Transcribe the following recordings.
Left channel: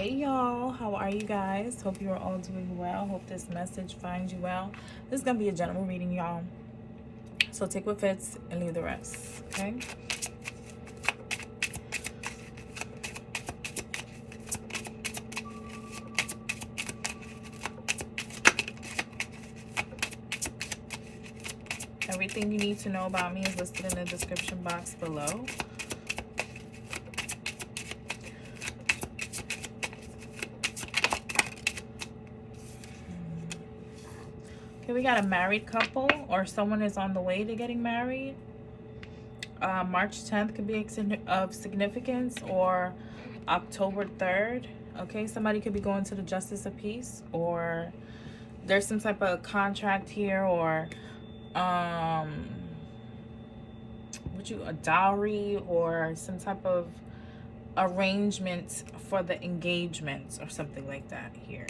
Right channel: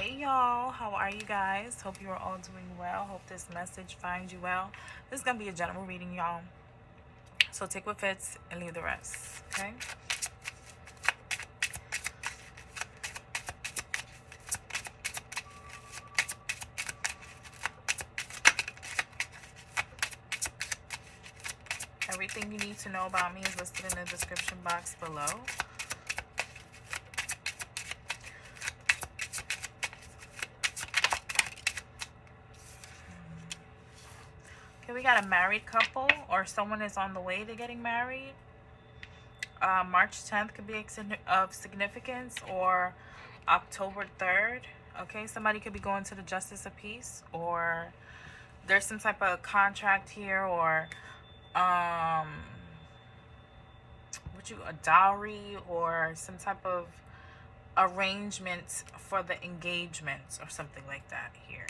Hey y'all, how are you guys? Hope you are all doing well. Hope this message finds you well. This is gonna be a general reading, y'all, so take what fits and leave the rest. Okay, everything you need to know about me is listed in the description box below. Okay, we got a married couple, or someone is on the way to getting married. March 10th could be of significance, or October 3rd. Okay, somebody could be going to the Justice of Peace, or there's some type of contract here, or a dowry, or some type of arrangement for the engagement or something like that here.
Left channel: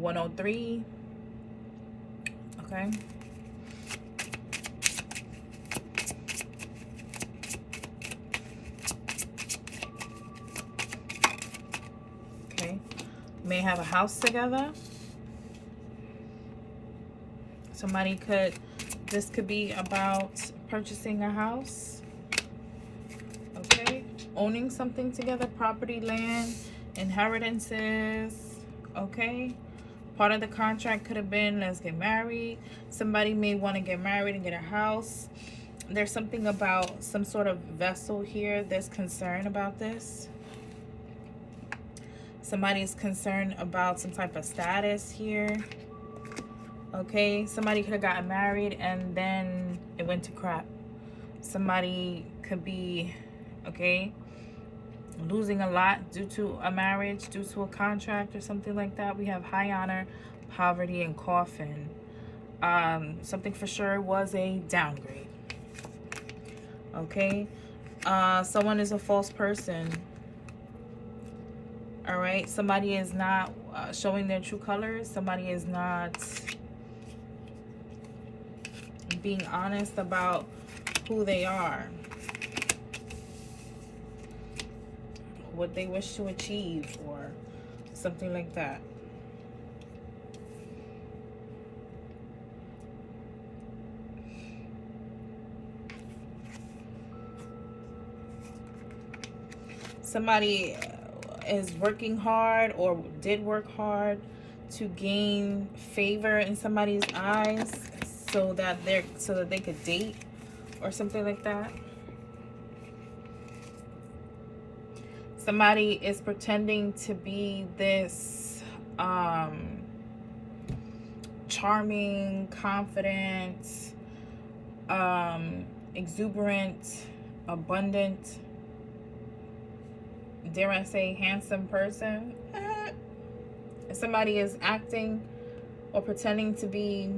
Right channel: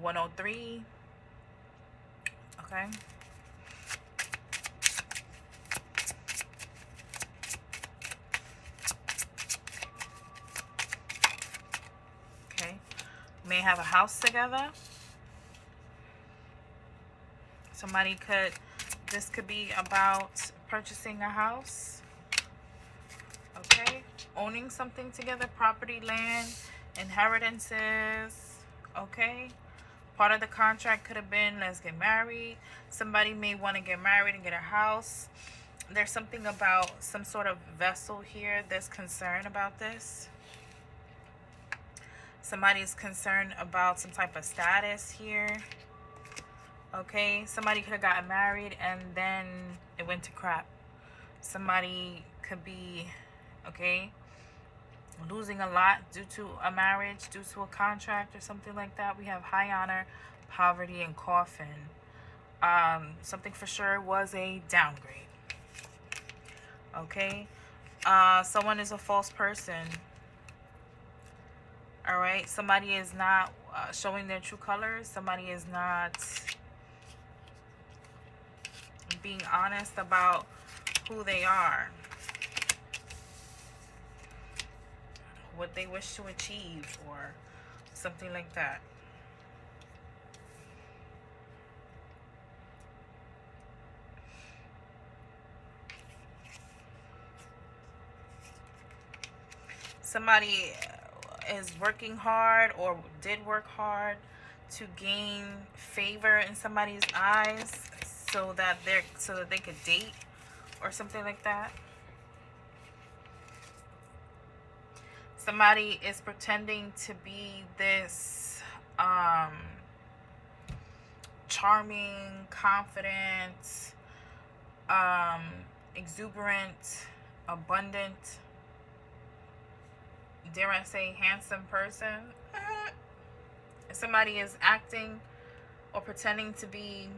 103. Okay. Okay. May have a house together. This could be about purchasing a house. Okay. Owning something together, property, land, inheritances. Okay. Part of the contract could have been, let's get married. Somebody may want to get married and get a house. There's something about some sort of vessel here. There's concern about this. Somebody is concerned about some type of status here. Okay, somebody could have gotten married and then it went to crap. Somebody could be, okay, losing a lot due to a marriage, due to a contract or something like that. We have high honor, poverty, and coffin. Something for sure was a downgrade. Okay, someone is a false person. All right, somebody is not showing their true colors. Somebody is not being honest about who they are, what they wish to achieve, or something like that. Somebody is working hard or did work hard to gain favor in somebody's eyes so that they could date or something like that. Somebody is pretending to be this charming, confident, exuberant, abundant, dare I say, handsome person. Somebody is acting or pretending to be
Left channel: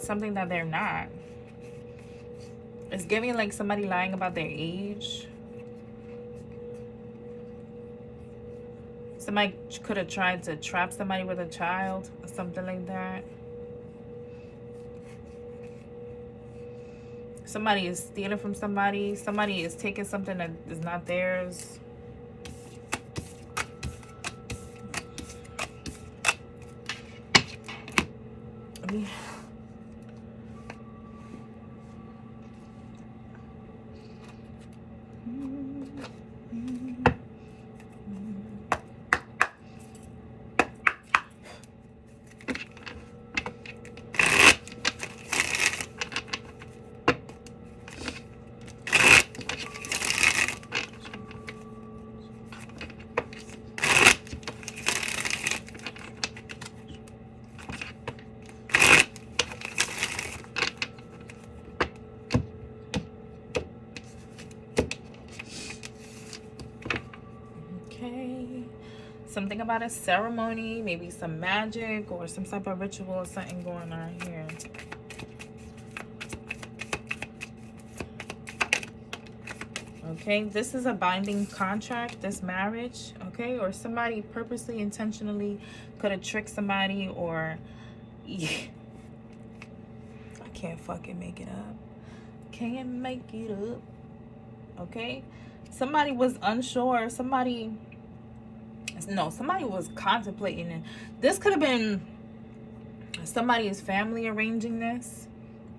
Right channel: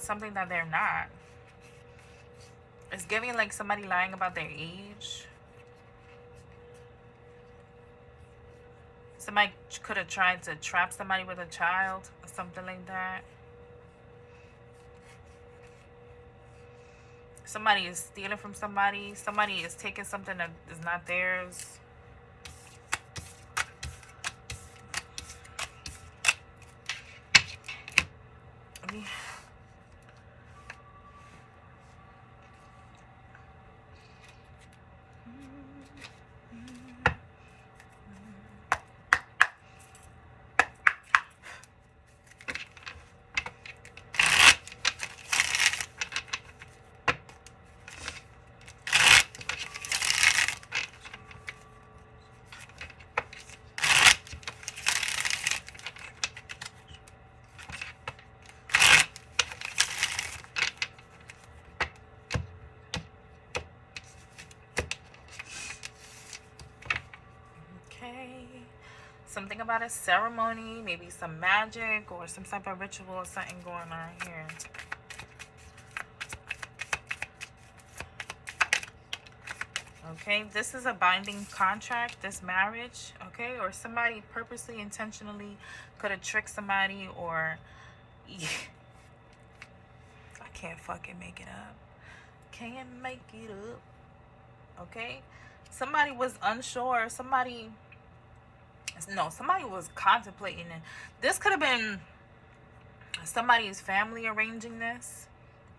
something that they're not. It's giving like somebody lying about their age. Somebody could have tried to trap somebody with a child or something like that. Somebody is stealing from somebody. Somebody is taking something that is not theirs. Something about a ceremony, maybe some magic or some type of ritual or something going on here. Okay, this is a binding contract, this marriage, okay? Or somebody purposely, intentionally could have tricked somebody, or yeah. I can't fucking make it up. Can't make it up. Okay? Somebody was unsure. Somebody was contemplating it. This could have been somebody's family arranging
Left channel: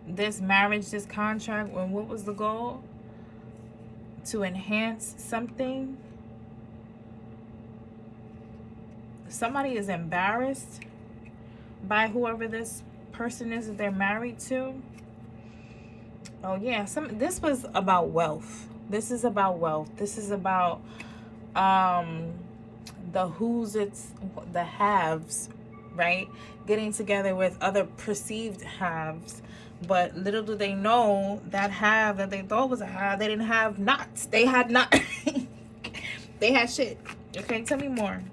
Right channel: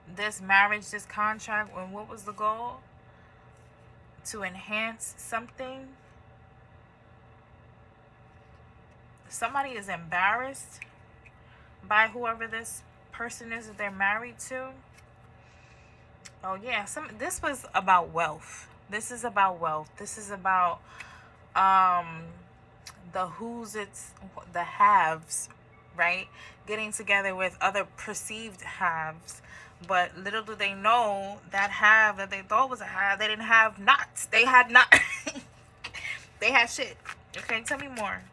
this marriage, this contract. And what was the goal? To enhance something. Somebody is embarrassed by whoever this person is that they're married to. Oh yeah, this was about wealth. This is about wealth. This is about the haves, right? Getting together with other perceived haves. But little do they know, that have that they thought was a have, they didn't have knots. They had not. They had shit. Okay, tell me more.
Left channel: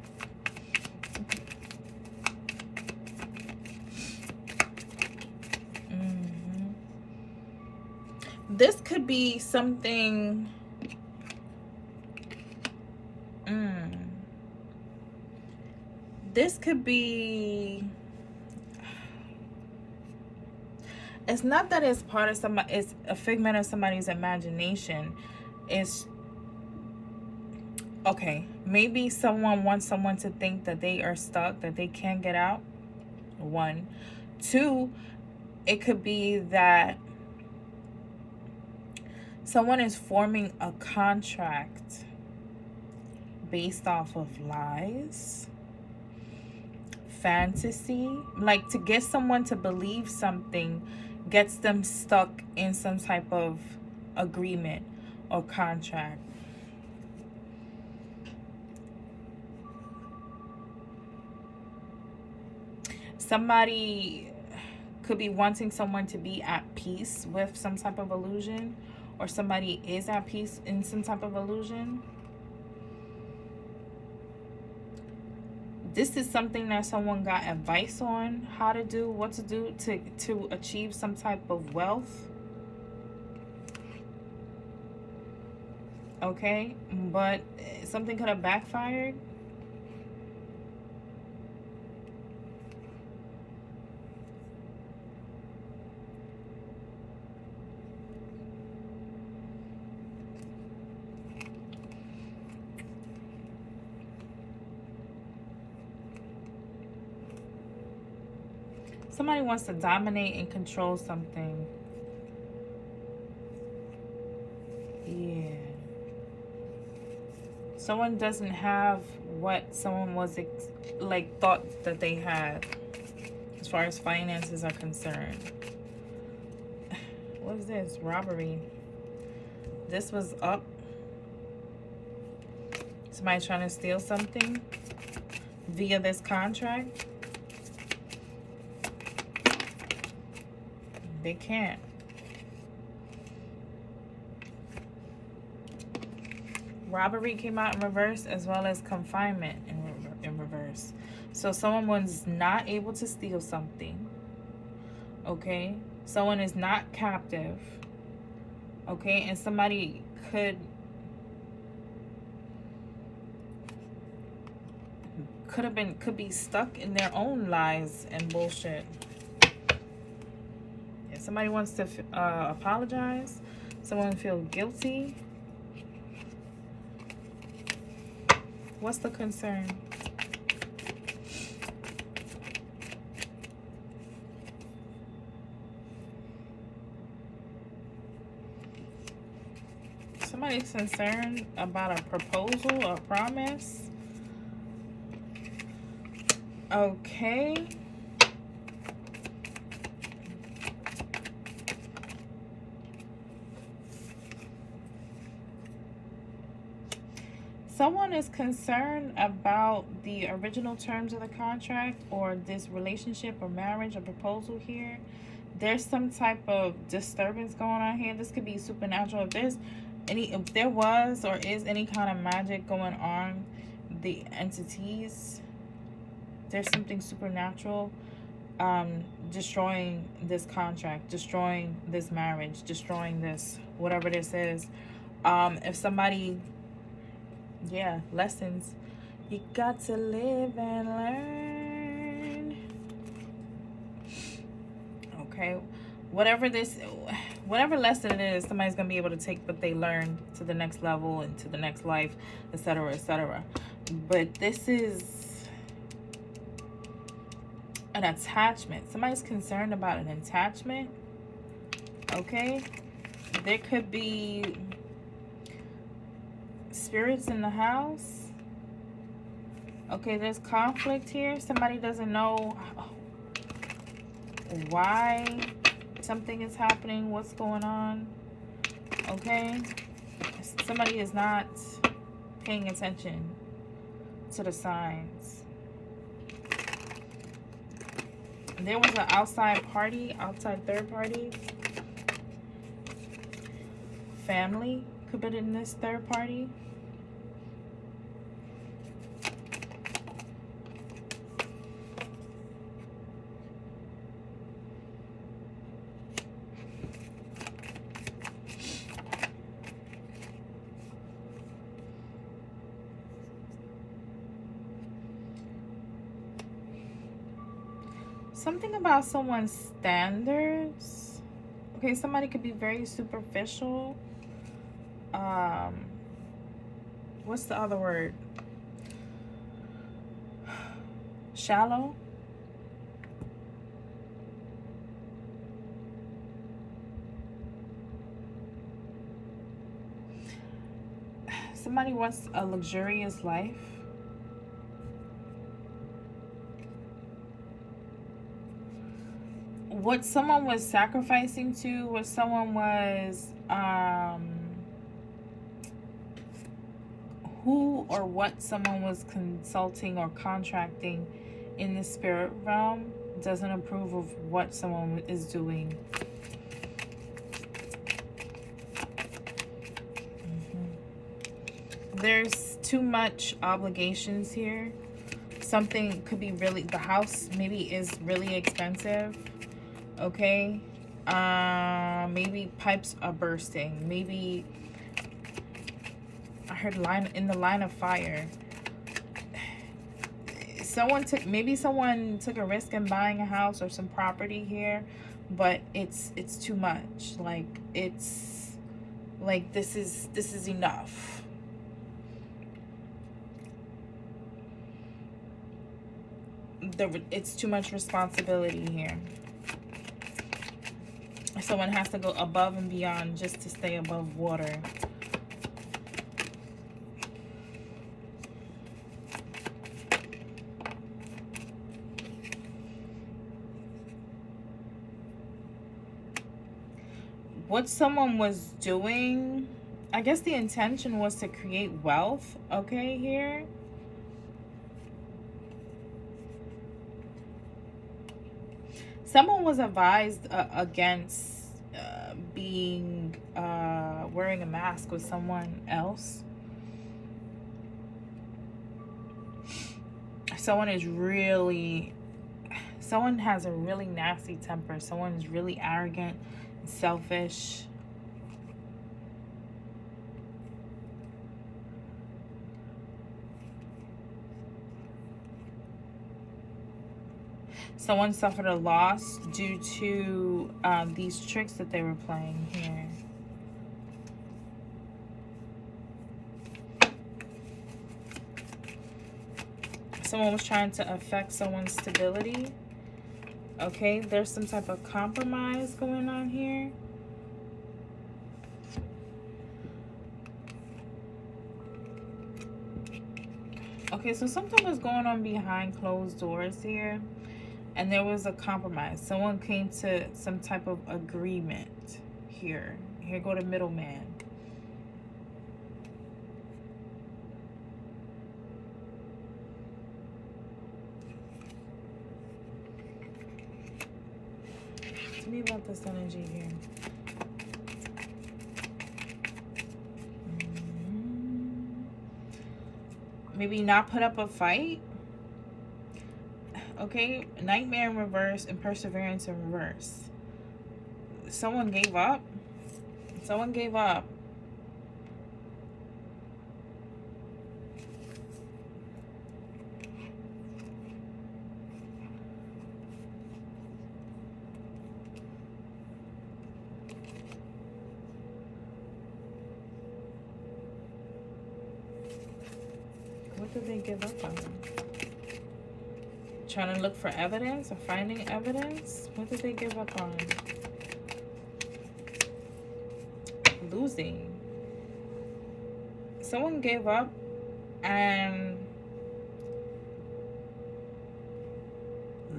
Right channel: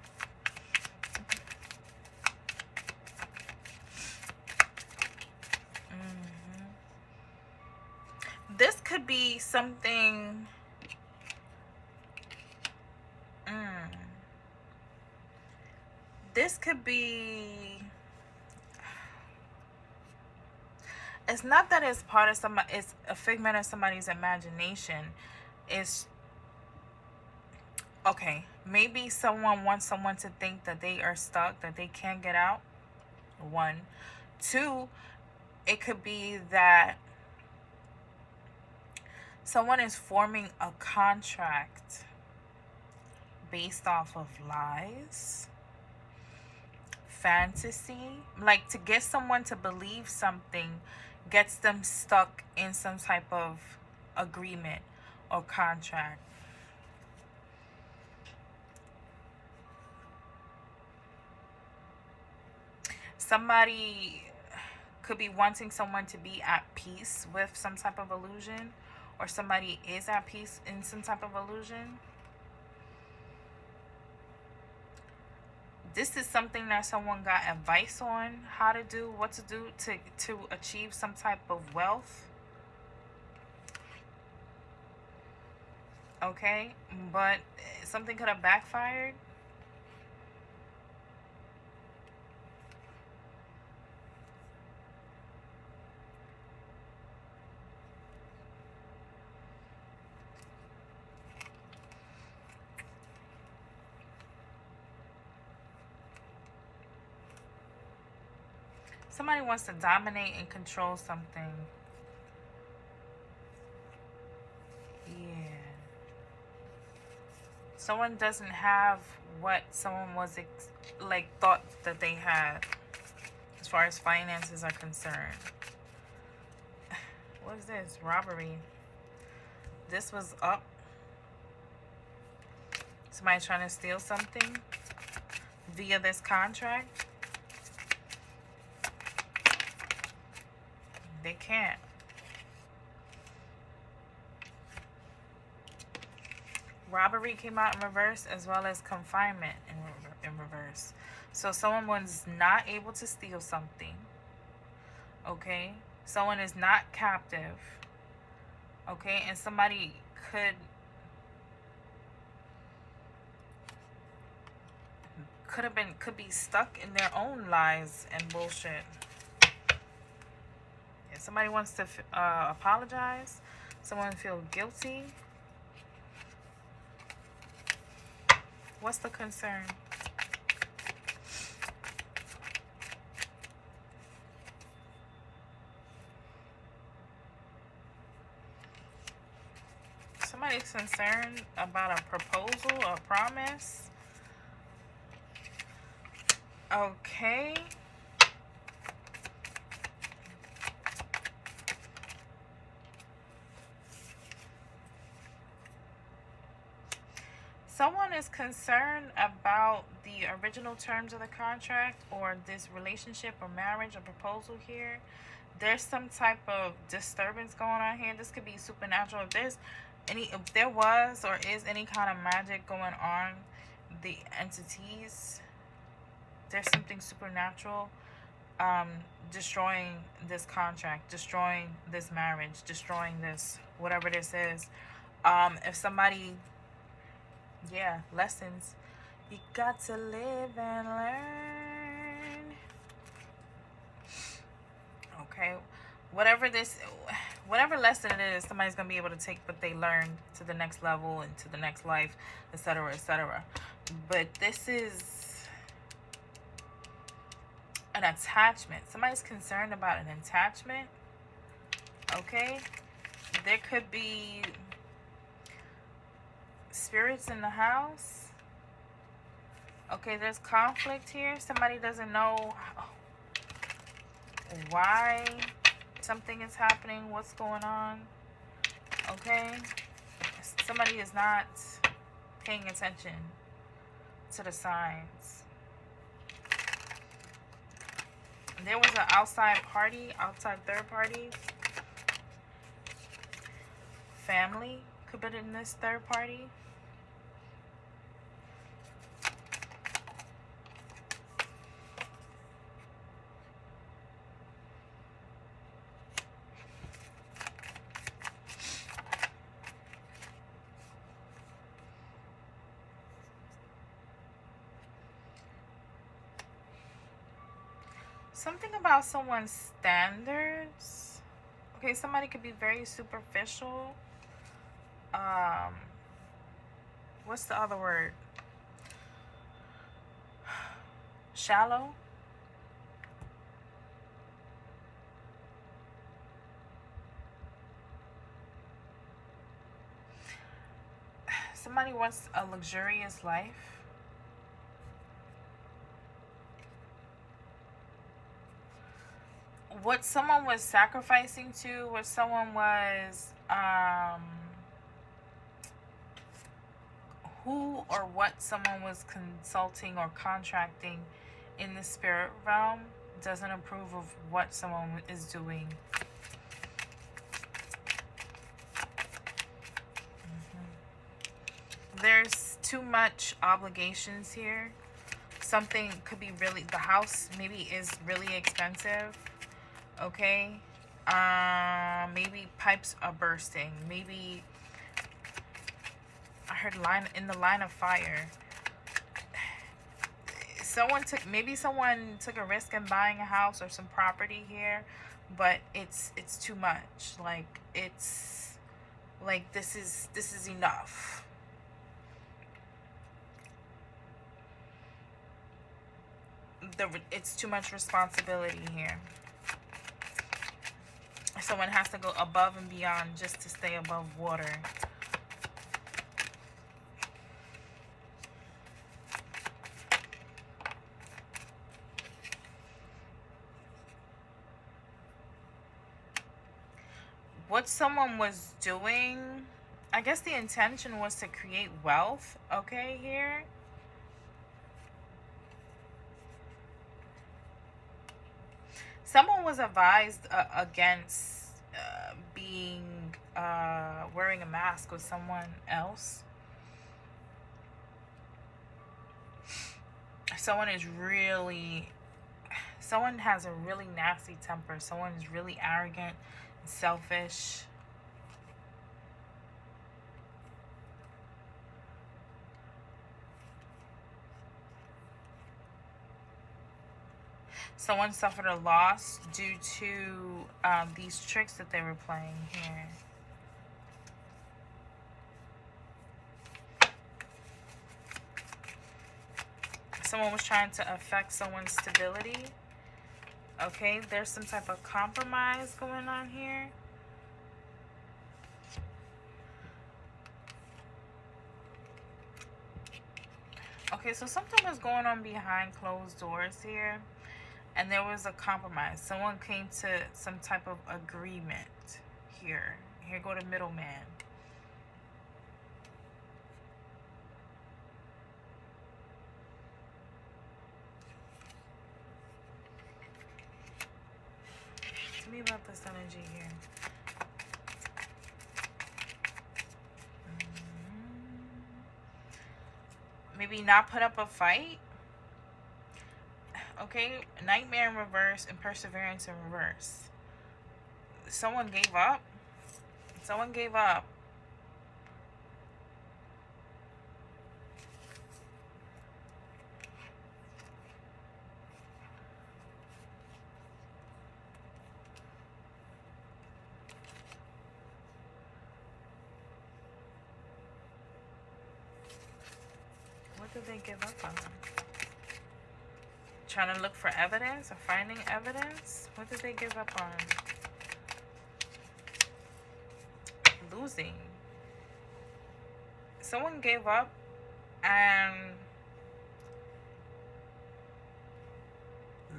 This could be something. This could be. It's not that it's part of somebody. It's a figment of somebody's imagination. It's okay. Maybe someone wants someone to think that they are stuck, that they can't get out. 1, 2. It could be that someone is forming a contract based off of lies, fantasy, like to get someone to believe something gets them stuck in some type of agreement or contract. Somebody could be wanting someone to be at peace with some type of illusion, or somebody is at peace in some type of illusion. This is something that someone got advice on how to do, what to do to achieve some type of wealth. Okay, but something could have backfired. Somebody wants to dominate and control something. Yeah. Someone doesn't have what someone was thought that they had as far as finances are concerned. What is this? Robbery. This was up. Somebody trying to steal something via this contract. They can't. Robbery came out in reverse, as well as confinement in reverse. So someone was not able to steal something. Okay? Someone is not captive. Okay? And somebody could be stuck in their own lies and bullshit. Somebody wants to apologize. Someone feel guilty. What's the concern? Somebody's concerned about a proposal, a promise. Okay. Someone is concerned about the original terms of the contract, or this relationship or marriage or proposal here. There's some type of disturbance going on here. This could be supernatural. If there was or is any kind of magic going on, the entities, there's something supernatural destroying this contract, destroying this marriage, destroying this, whatever this is. If somebody, yeah, lessons. You got to live and learn. Okay, whatever this, whatever lesson it is, somebody's going to be able to take what they learned to the next level and to the next life, etc., etc. But this is an attachment. Somebody's concerned about an attachment. Okay? There could be spirits in the house. Okay, there's conflict here. Somebody doesn't know why something is happening, what's going on. Okay? Somebody is not paying attention to the signs. There was an outside party, outside third party. Family could be in this third party. Something about someone's standards. Okay, somebody could be very superficial. What's the other word? Shallow. Somebody wants a luxurious life. What someone was sacrificing to, what someone was who or what someone was consulting or contracting in the spirit realm doesn't approve of what someone is doing. There's too much obligations here. Something could be really, the house maybe is really expensive. Okay, maybe pipes are bursting. Maybe I heard in the line of fire. Maybe someone took a risk in buying a house or some property here, but it's too much. Like, it's like this is enough. It's too much responsibility here. Someone has to go above and beyond just to stay above water. What someone was doing, I guess the intention was to create wealth, okay, here. Someone was advised against wearing a mask with someone else. Someone has a really nasty temper. Someone is really arrogant and selfish. Someone suffered a loss due to these tricks that they were playing here. Someone was trying to affect someone's stability. Okay, there's some type of compromise going on here. Okay, so something was going on behind closed doors here. And there was a compromise. Someone came to some type of agreement here. Here go the middleman. Tell me about this energy here. Maybe not put up a fight. Okay, nightmare in reverse and perseverance in reverse. Someone gave up. Someone gave up. What did they give up on? Trying to look for evidence or finding evidence? What did they give up on? Losing. Someone gave up and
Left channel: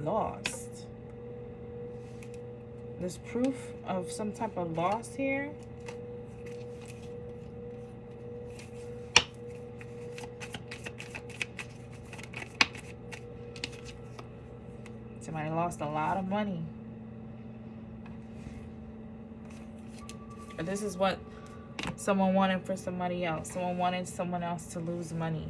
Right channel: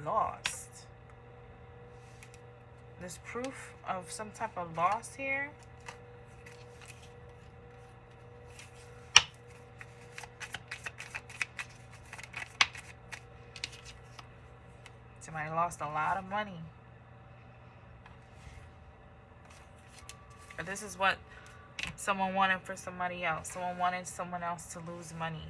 lost. There's proof of some type of loss here. Somebody lost a lot of money. Or this is what someone wanted for somebody else. Someone wanted someone else to lose money.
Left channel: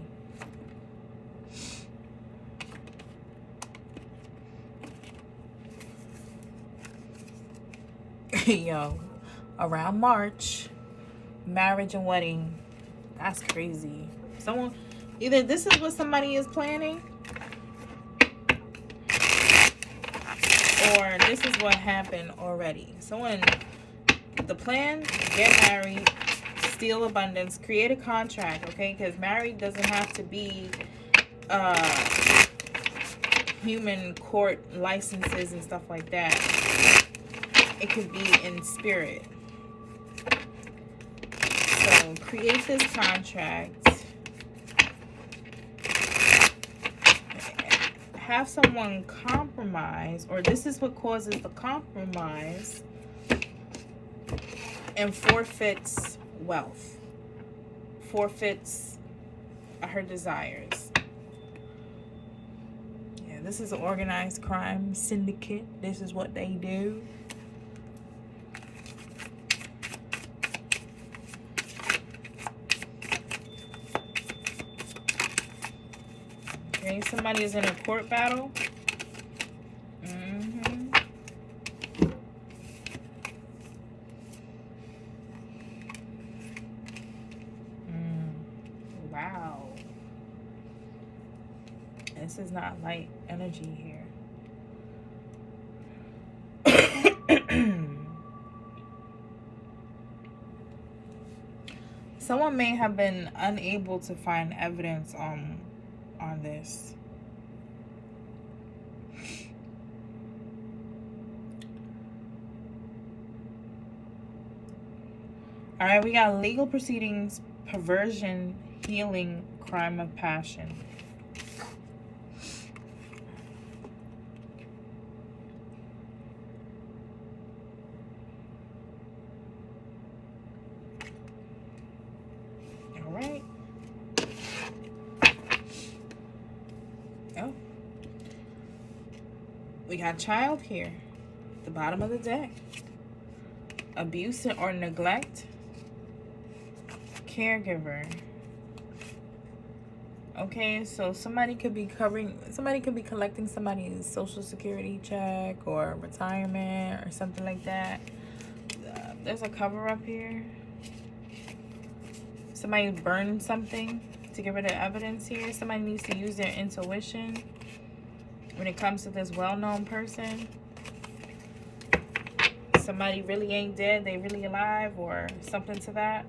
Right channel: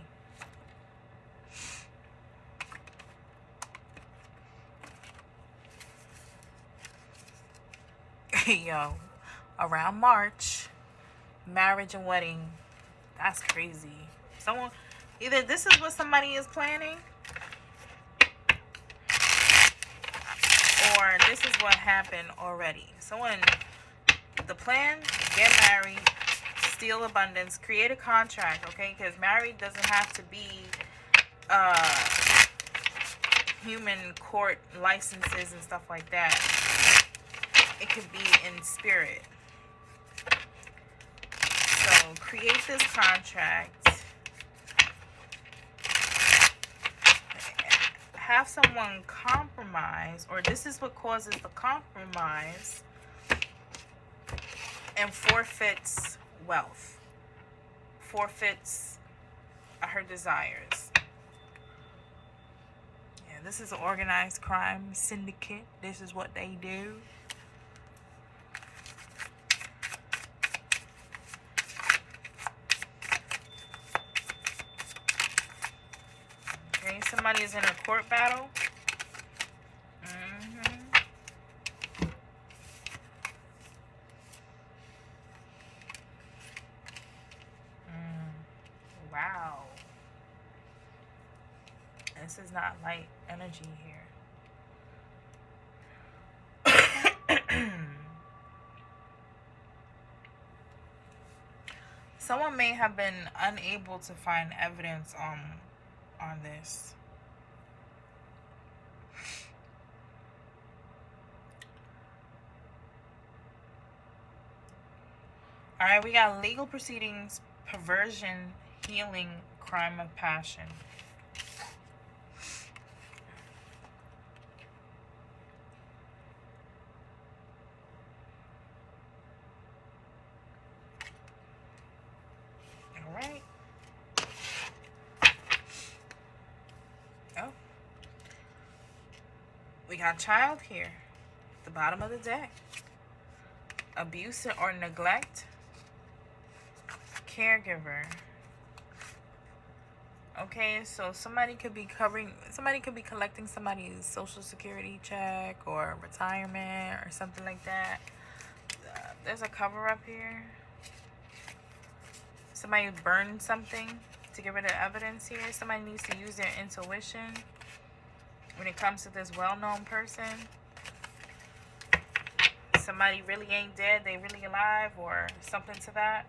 Yo, around March, marriage and wedding. That's crazy. Someone, either this is what somebody is planning, or this is what happened already. Someone, the plan, get married, steal abundance, create a contract, okay? Because married doesn't have to be human court licenses and stuff like that. It could be in spirit. So create this contract. Have someone compromise, or this is what causes the compromise, and forfeits wealth. Forfeits her desires. Yeah, this is an organized crime syndicate. This is what they do. Okay, somebody is in a court battle. Wow. This is not light energy here. Someone may have been unable to find evidence on this. All right, we got legal proceedings, perversion, healing, crime of passion. All right. Oh. We got child here. The bottom of the deck. Abuse or neglect. Caregiver. Okay, so somebody could be collecting somebody's social security check or retirement or something like that. There's a cover up here. Somebody burned something to get rid of evidence here. Somebody needs to use their intuition when it comes to this well-known person. Somebody really ain't dead, they really alive, or something to that.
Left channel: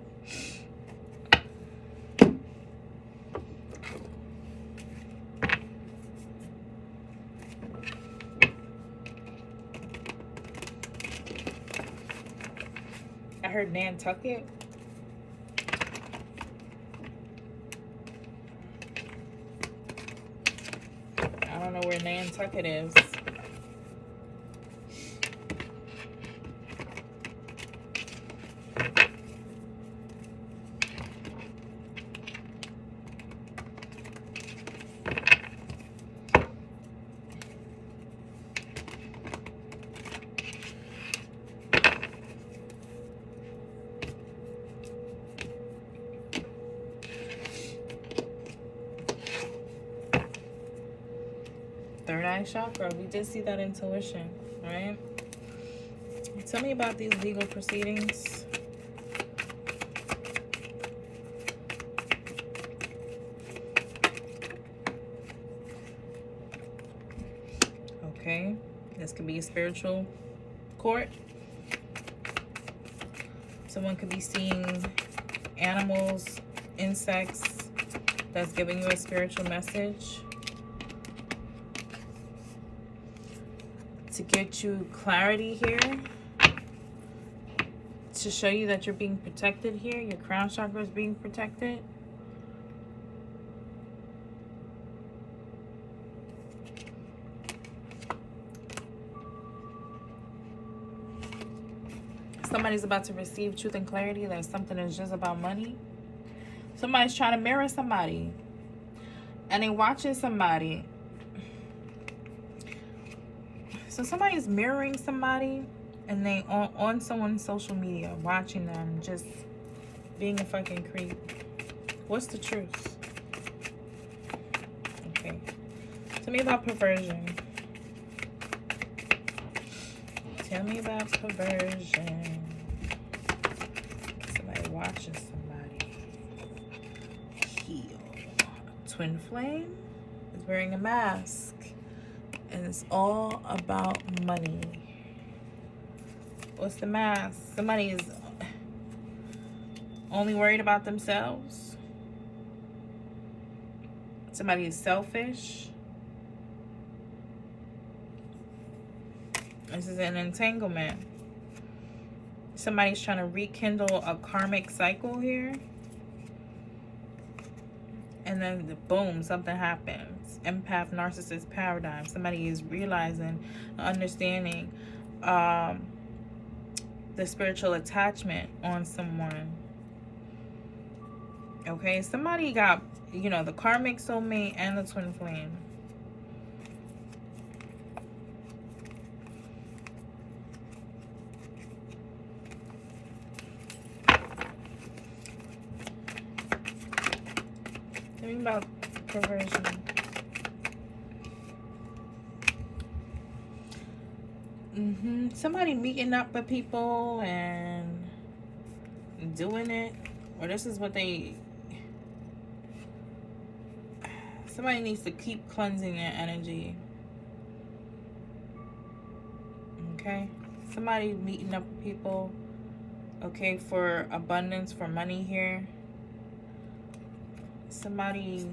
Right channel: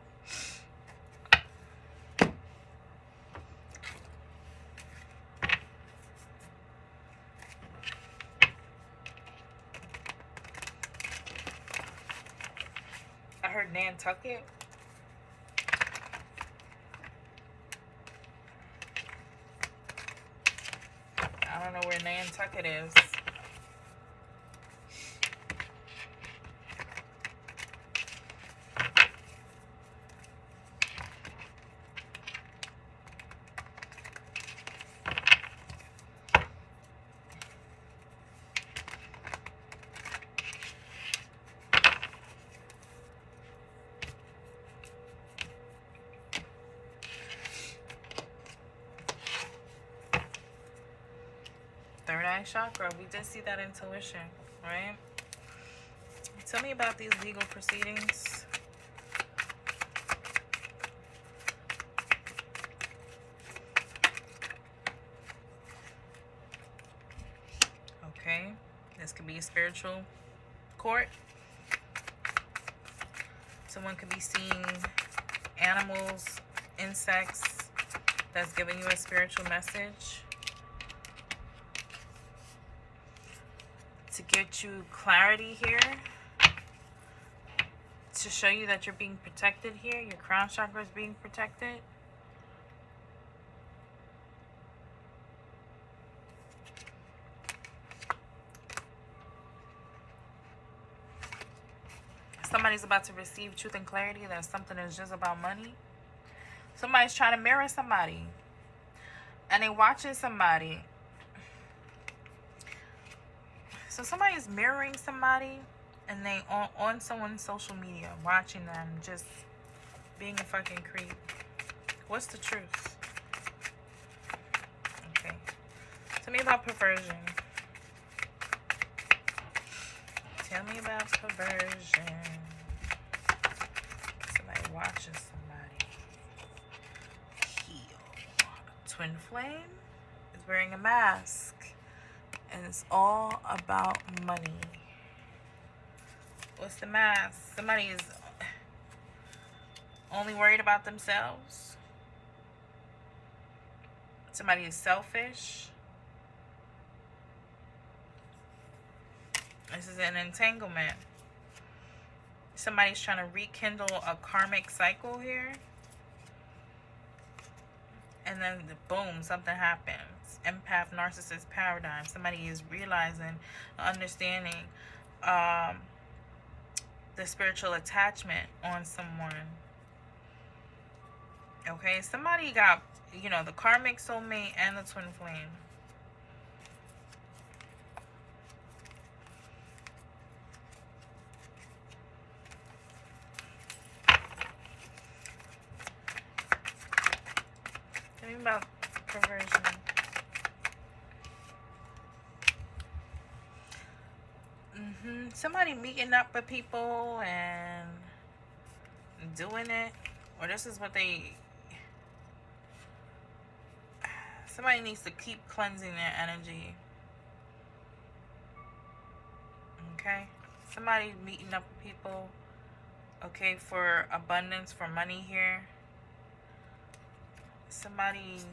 I heard Nantucket. I don't know where Nantucket is. Third eye chakra. We did see that intuition, right? Tell me about these legal proceedings. Okay. This could be a spiritual court. Someone could be seeing animals, insects that's giving you a spiritual message to get you clarity here, to show you that you're being protected here. Your crown chakra is being protected. Somebody's about to receive truth and clarity that something is just about money. Somebody's trying to mirror somebody, and they watching somebody. So somebody's mirroring somebody, and they on someone's social media, watching them, just being a fucking creep. What's the truth? Okay. Tell me about perversion. Tell me about perversion. Somebody watching somebody. Heal. Twin flame is wearing a mask, and it's all about money. What's the mask? Somebody is only worried about themselves. Somebody is selfish. This is an entanglement. Somebody's trying to rekindle a karmic cycle here. And then boom, something happens. Empath, narcissist paradigm. Somebody is realizing, understanding the spiritual attachment on someone. Okay, somebody got, you know, the karmic soulmate and the twin flame. Tell me about perversion. Somebody meeting up with people and doing it, or this is what they. Somebody needs to keep cleansing their energy. Okay, somebody meeting up with people. Okay, for abundance, for money here. Somebody.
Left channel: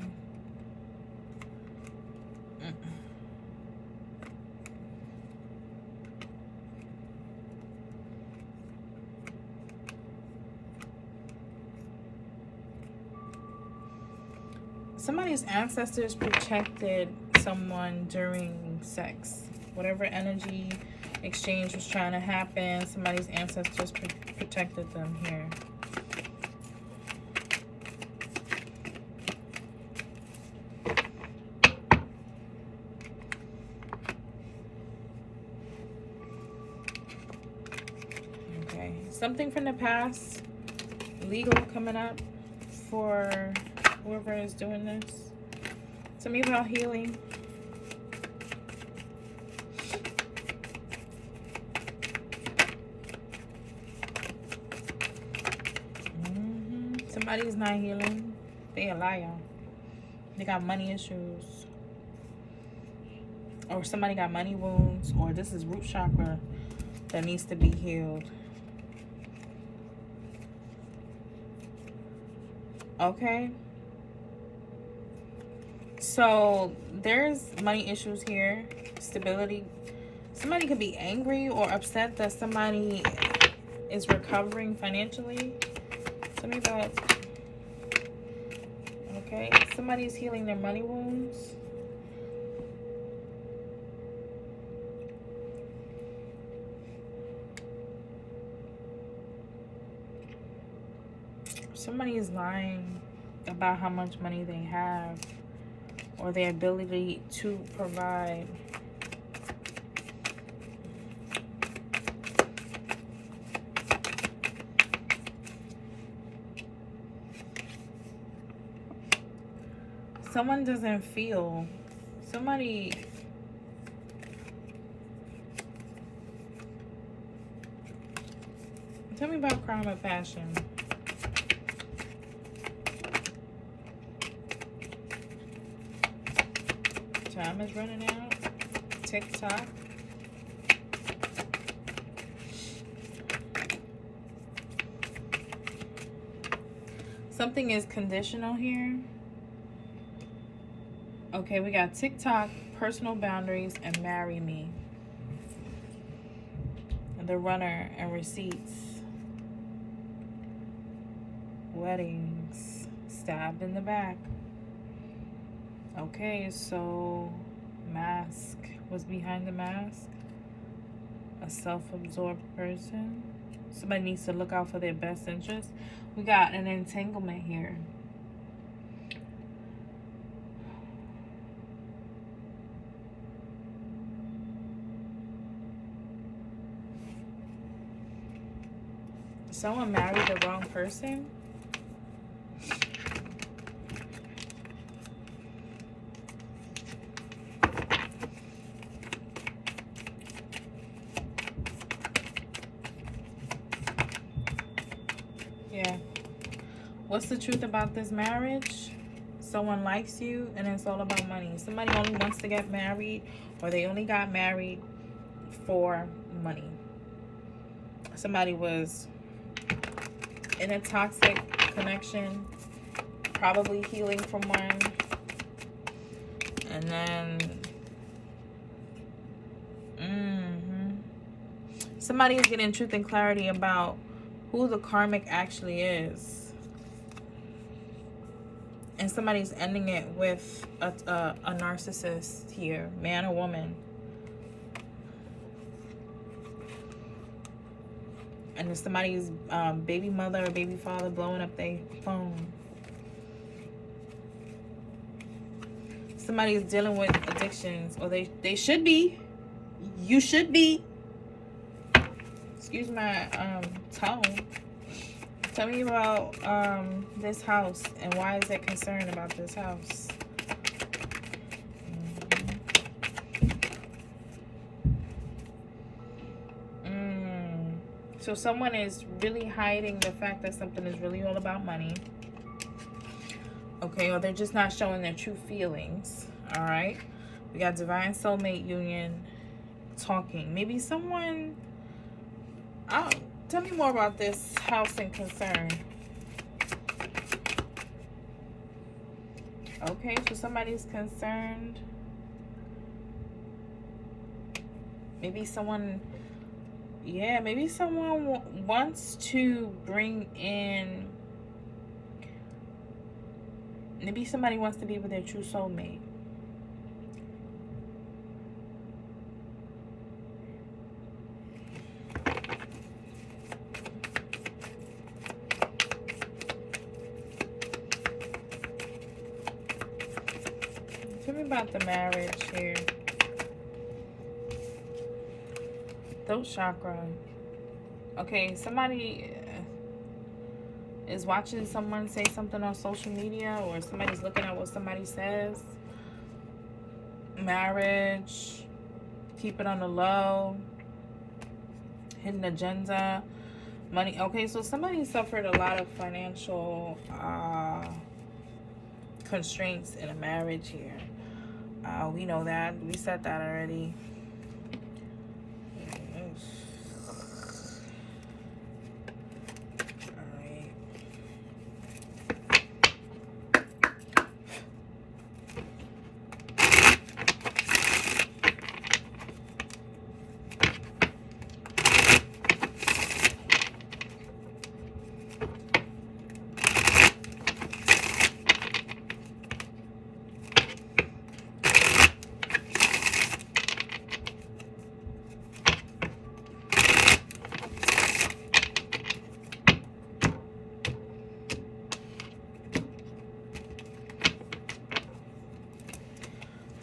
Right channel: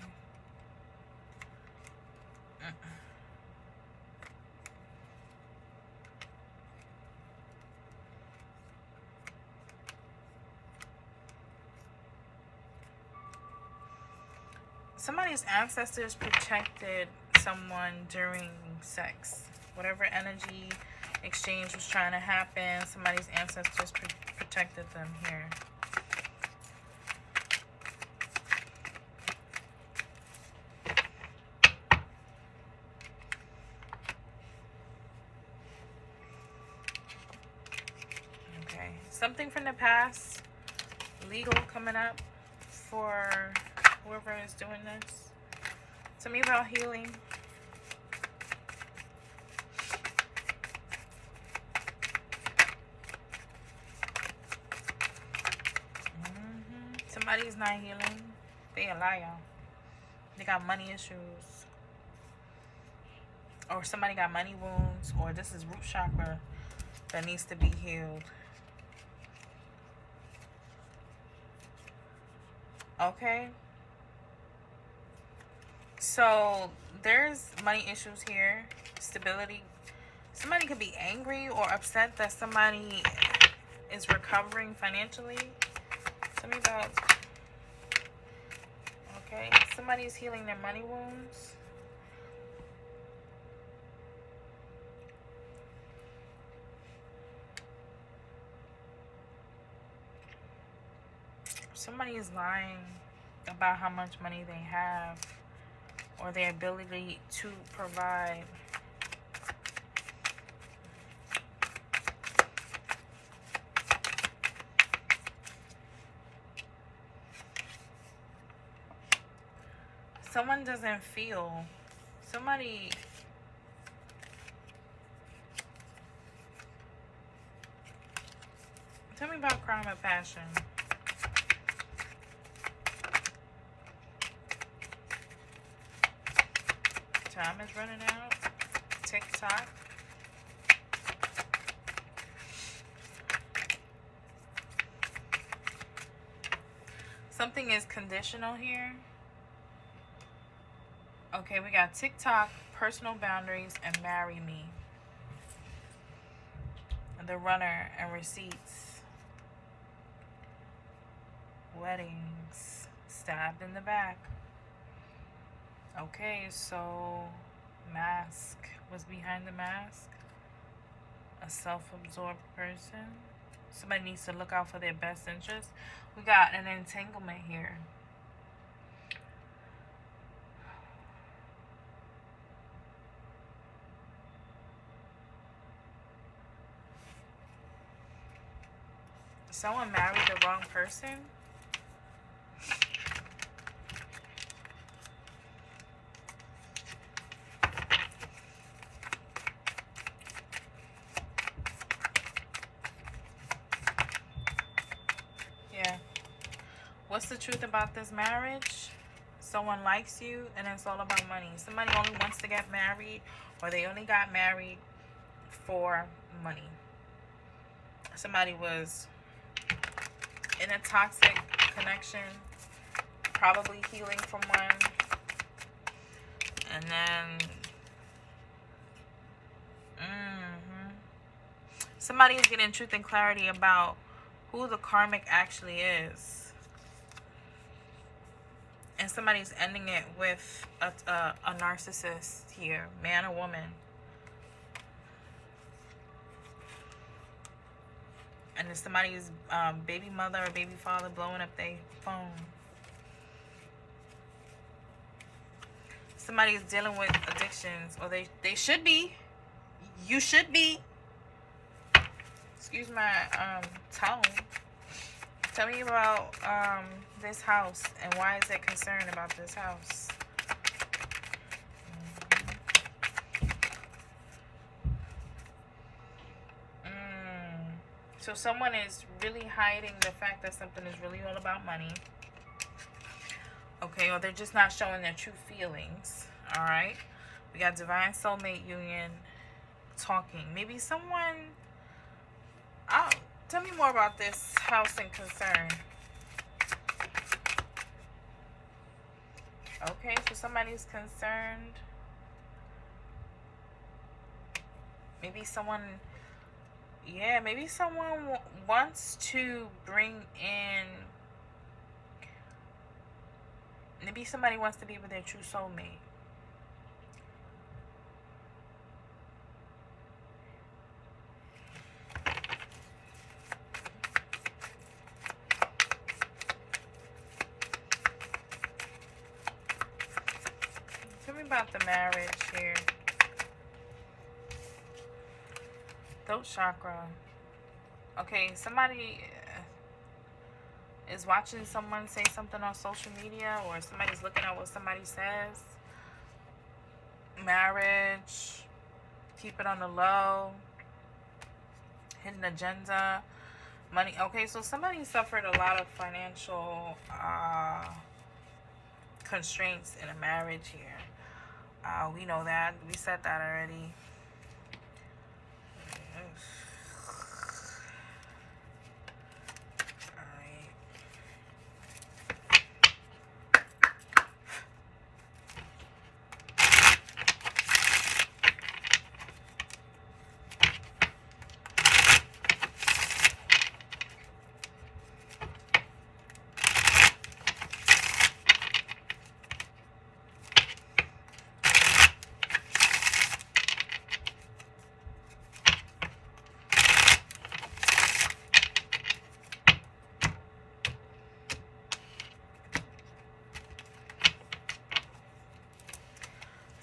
Somebody's ancestors protected someone during sex. Whatever energy exchange was trying to happen, somebody's ancestors protected them here. Okay, something from the past, legal coming up for whoever is doing this. Tell me about healing. Somebody's not healing. They a liar. They got money issues. Or somebody got money wounds. Or this is root chakra that needs to be healed. Okay. So there's money issues here, stability. Somebody could be angry or upset that somebody is recovering financially. Tell me about, okay, somebody's healing their money wounds. Somebody is lying about how much money they have, or their ability to provide. Someone doesn't feel. Somebody. Tell me about crime and passion. Time is running out. TikTok. Something is conditional here. Okay, we got TikTok, personal boundaries, and marry me. The runner and receipts. Weddings, stabbed in the back. Okay, so mask. Was behind the mask? A self-absorbed person. Somebody needs to look out for their best interest. We got an entanglement here. Someone married the wrong person. Yeah. What's the truth about this marriage? Someone likes you and it's all about money. Somebody only wants to get married, or they only got married for money. Somebody was in a toxic connection, probably healing from one, and then somebody is getting truth and clarity about who the karmic actually is. And somebody's ending it with a narcissist here, man or woman. And it's somebody's baby mother or baby father blowing up their phone. Somebody is dealing with addictions, or they should be. You should be. Excuse my tone. Tell me about this house, and why is it concerned about this house? So someone is really hiding the fact that something is really all about money. Okay, or they're just not showing their true feelings. All right. We got divine soulmate union, talking. Maybe someone... tell me more about this house and concern. Okay, so somebody's concerned. Maybe someone... Yeah, maybe someone wants to bring in... Maybe somebody wants to be with their true soulmate. Tell me about the marriage here. Throat chakra. Okay, somebody is watching someone say something on social media, or somebody's looking at what somebody says. Marriage. Keep it on the low. Hidden agenda. Money. Okay, so somebody suffered a lot of financial constraints in a marriage here. We know that. We said that already.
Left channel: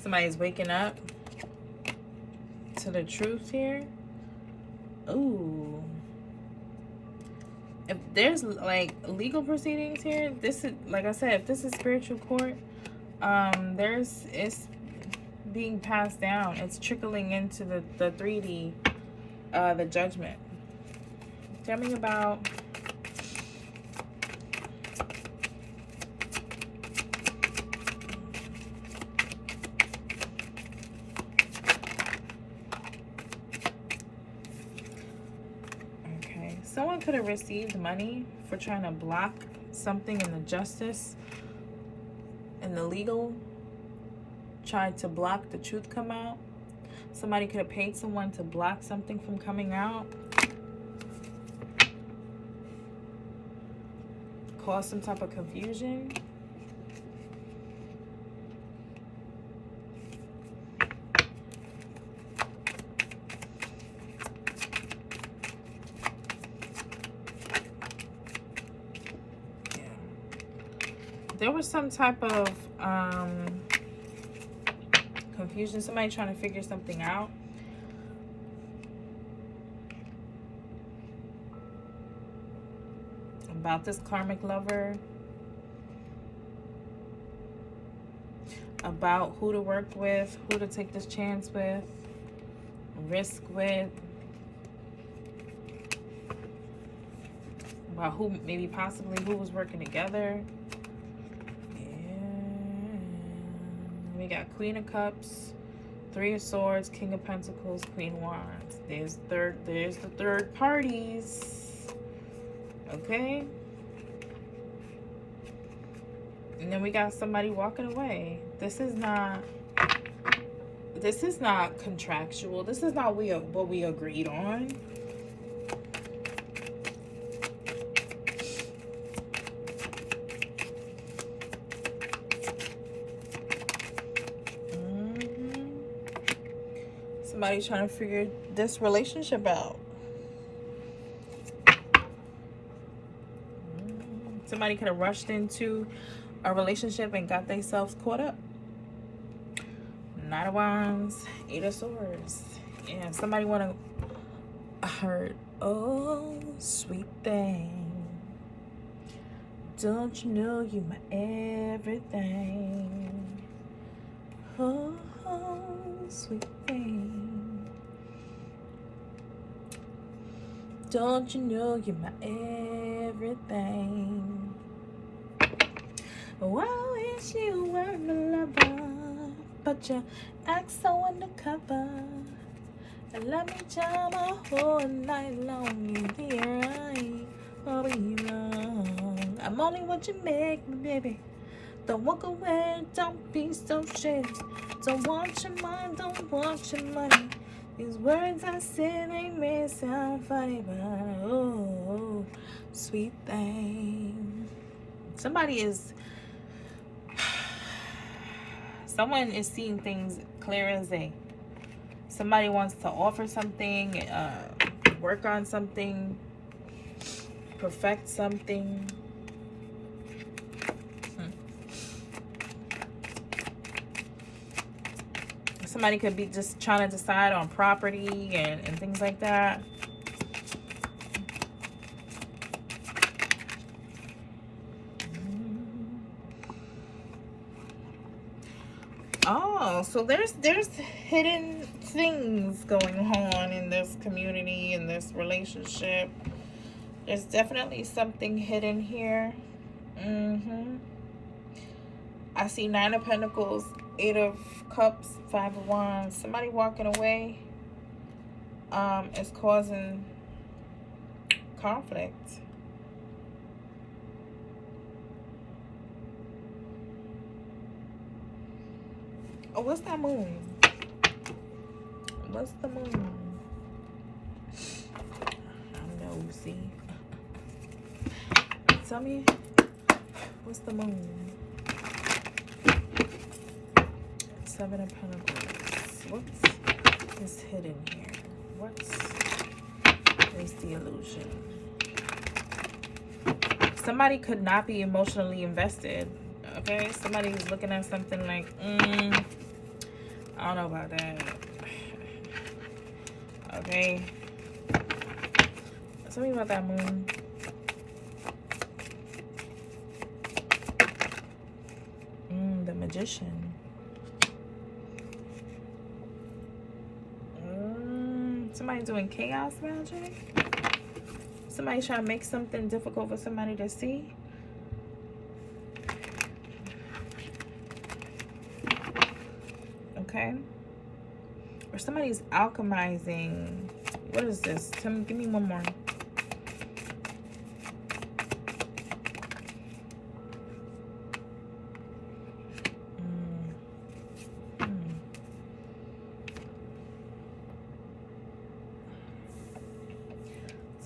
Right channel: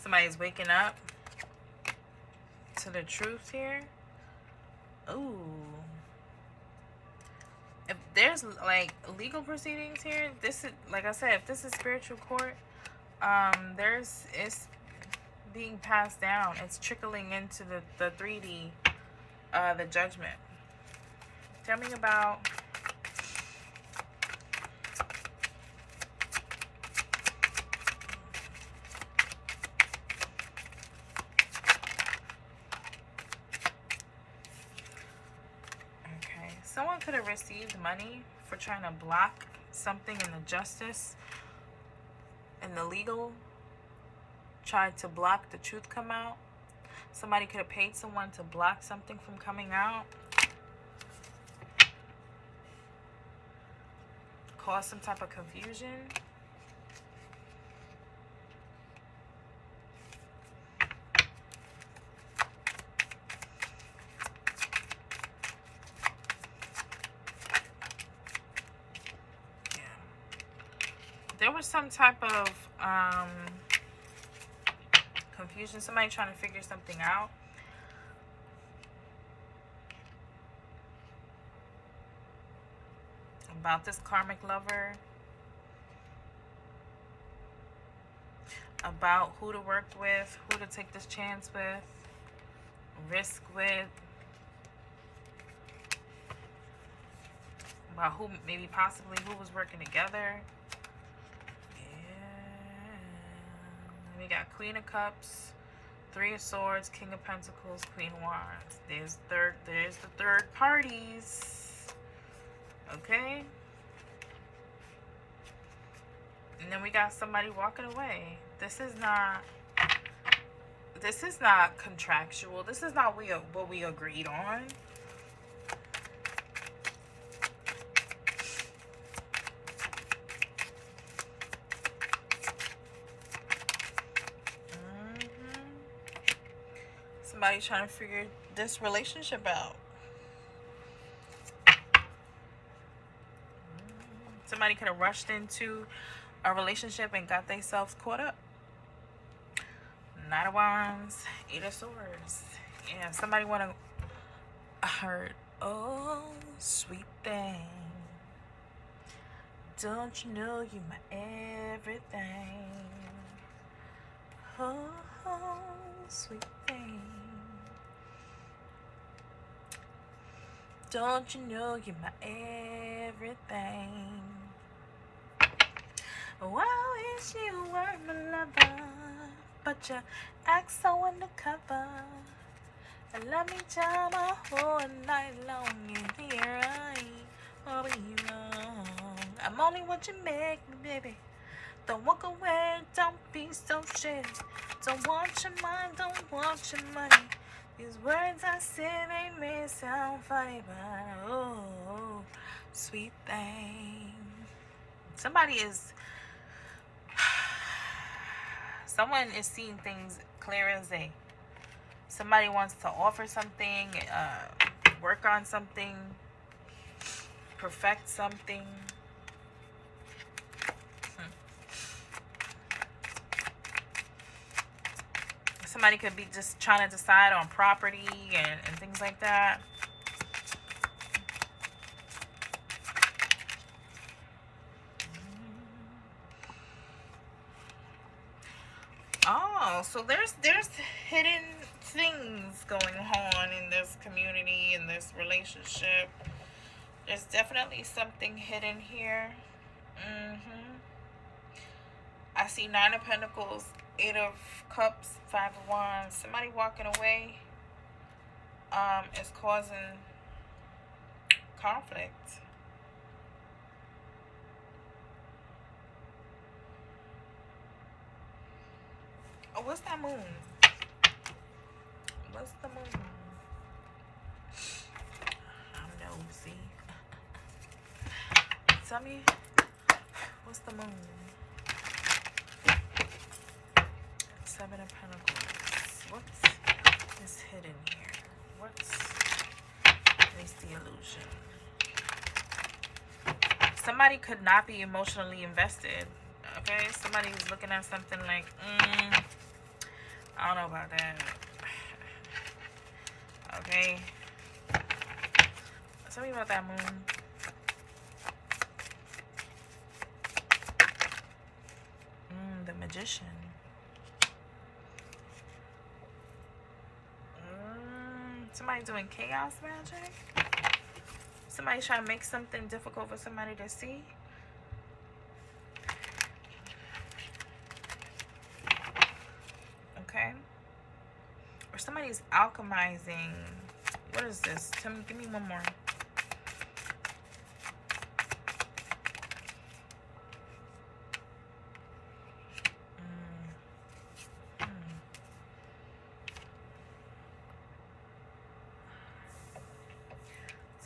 Somebody's waking up to the truth here. Ooh. If there's like legal proceedings here, this is, like I said, if this is spiritual court, it's being passed down. It's trickling into the 3D, the judgment. Tell me about... Someone could have received money for trying to block something in the justice, in the legal tried to block the truth come out. Somebody could have paid someone to block something from coming out. Cause some type of confusion. Yeah. There was some type of confusion. Somebody trying to figure something out. About this karmic lover. About who to work with, who to take this chance with, risk with. About who, maybe possibly who was working together. We got Queen of Cups, Three of Swords, King of Pentacles, Queen of Wands. There's the third parties. Okay? And then we got somebody walking away. This is not contractual. This is not what we agreed on. Somebody's trying to figure this relationship out. Somebody could have rushed into a relationship and got themselves caught up. Knight of Wands, Eight of Swords. Yeah, somebody want to hurt. Oh, sweet thing. Don't you know you my everything? Oh, sweet thing. Don't you know you're my everything? Well, wish you were my lover, but you act so undercover. And let me jam my whole night long in here. I be wrong. I'm only what you make me, baby. Don't walk away, don't be so shady. Don't want your mind, don't want your money. These words I say, they may sound funny, but oh, sweet thing. Someone is seeing things clear as day. Somebody wants to offer something, work on something, perfect something. Somebody could be just trying to decide on property and things like that. Oh, so there's hidden things going on in this community, in this relationship. There's definitely something hidden here. I see Nine of Pentacles, Eight of Cups, Five of Wands. Somebody walking away is causing conflict. Oh, what's that moon? What's the moon? I'm nosy. Tell me, what's the moon? Seven of Pentacles. What is hidden here? What is the illusion? Somebody could not be emotionally invested. Okay, somebody was looking at something like, I don't know about that. Okay, tell me about that moon. The Magician. Somebody doing chaos magic. Somebody's trying to make something difficult for somebody to see. Okay. Or somebody's alchemizing. What is this? Give me one more.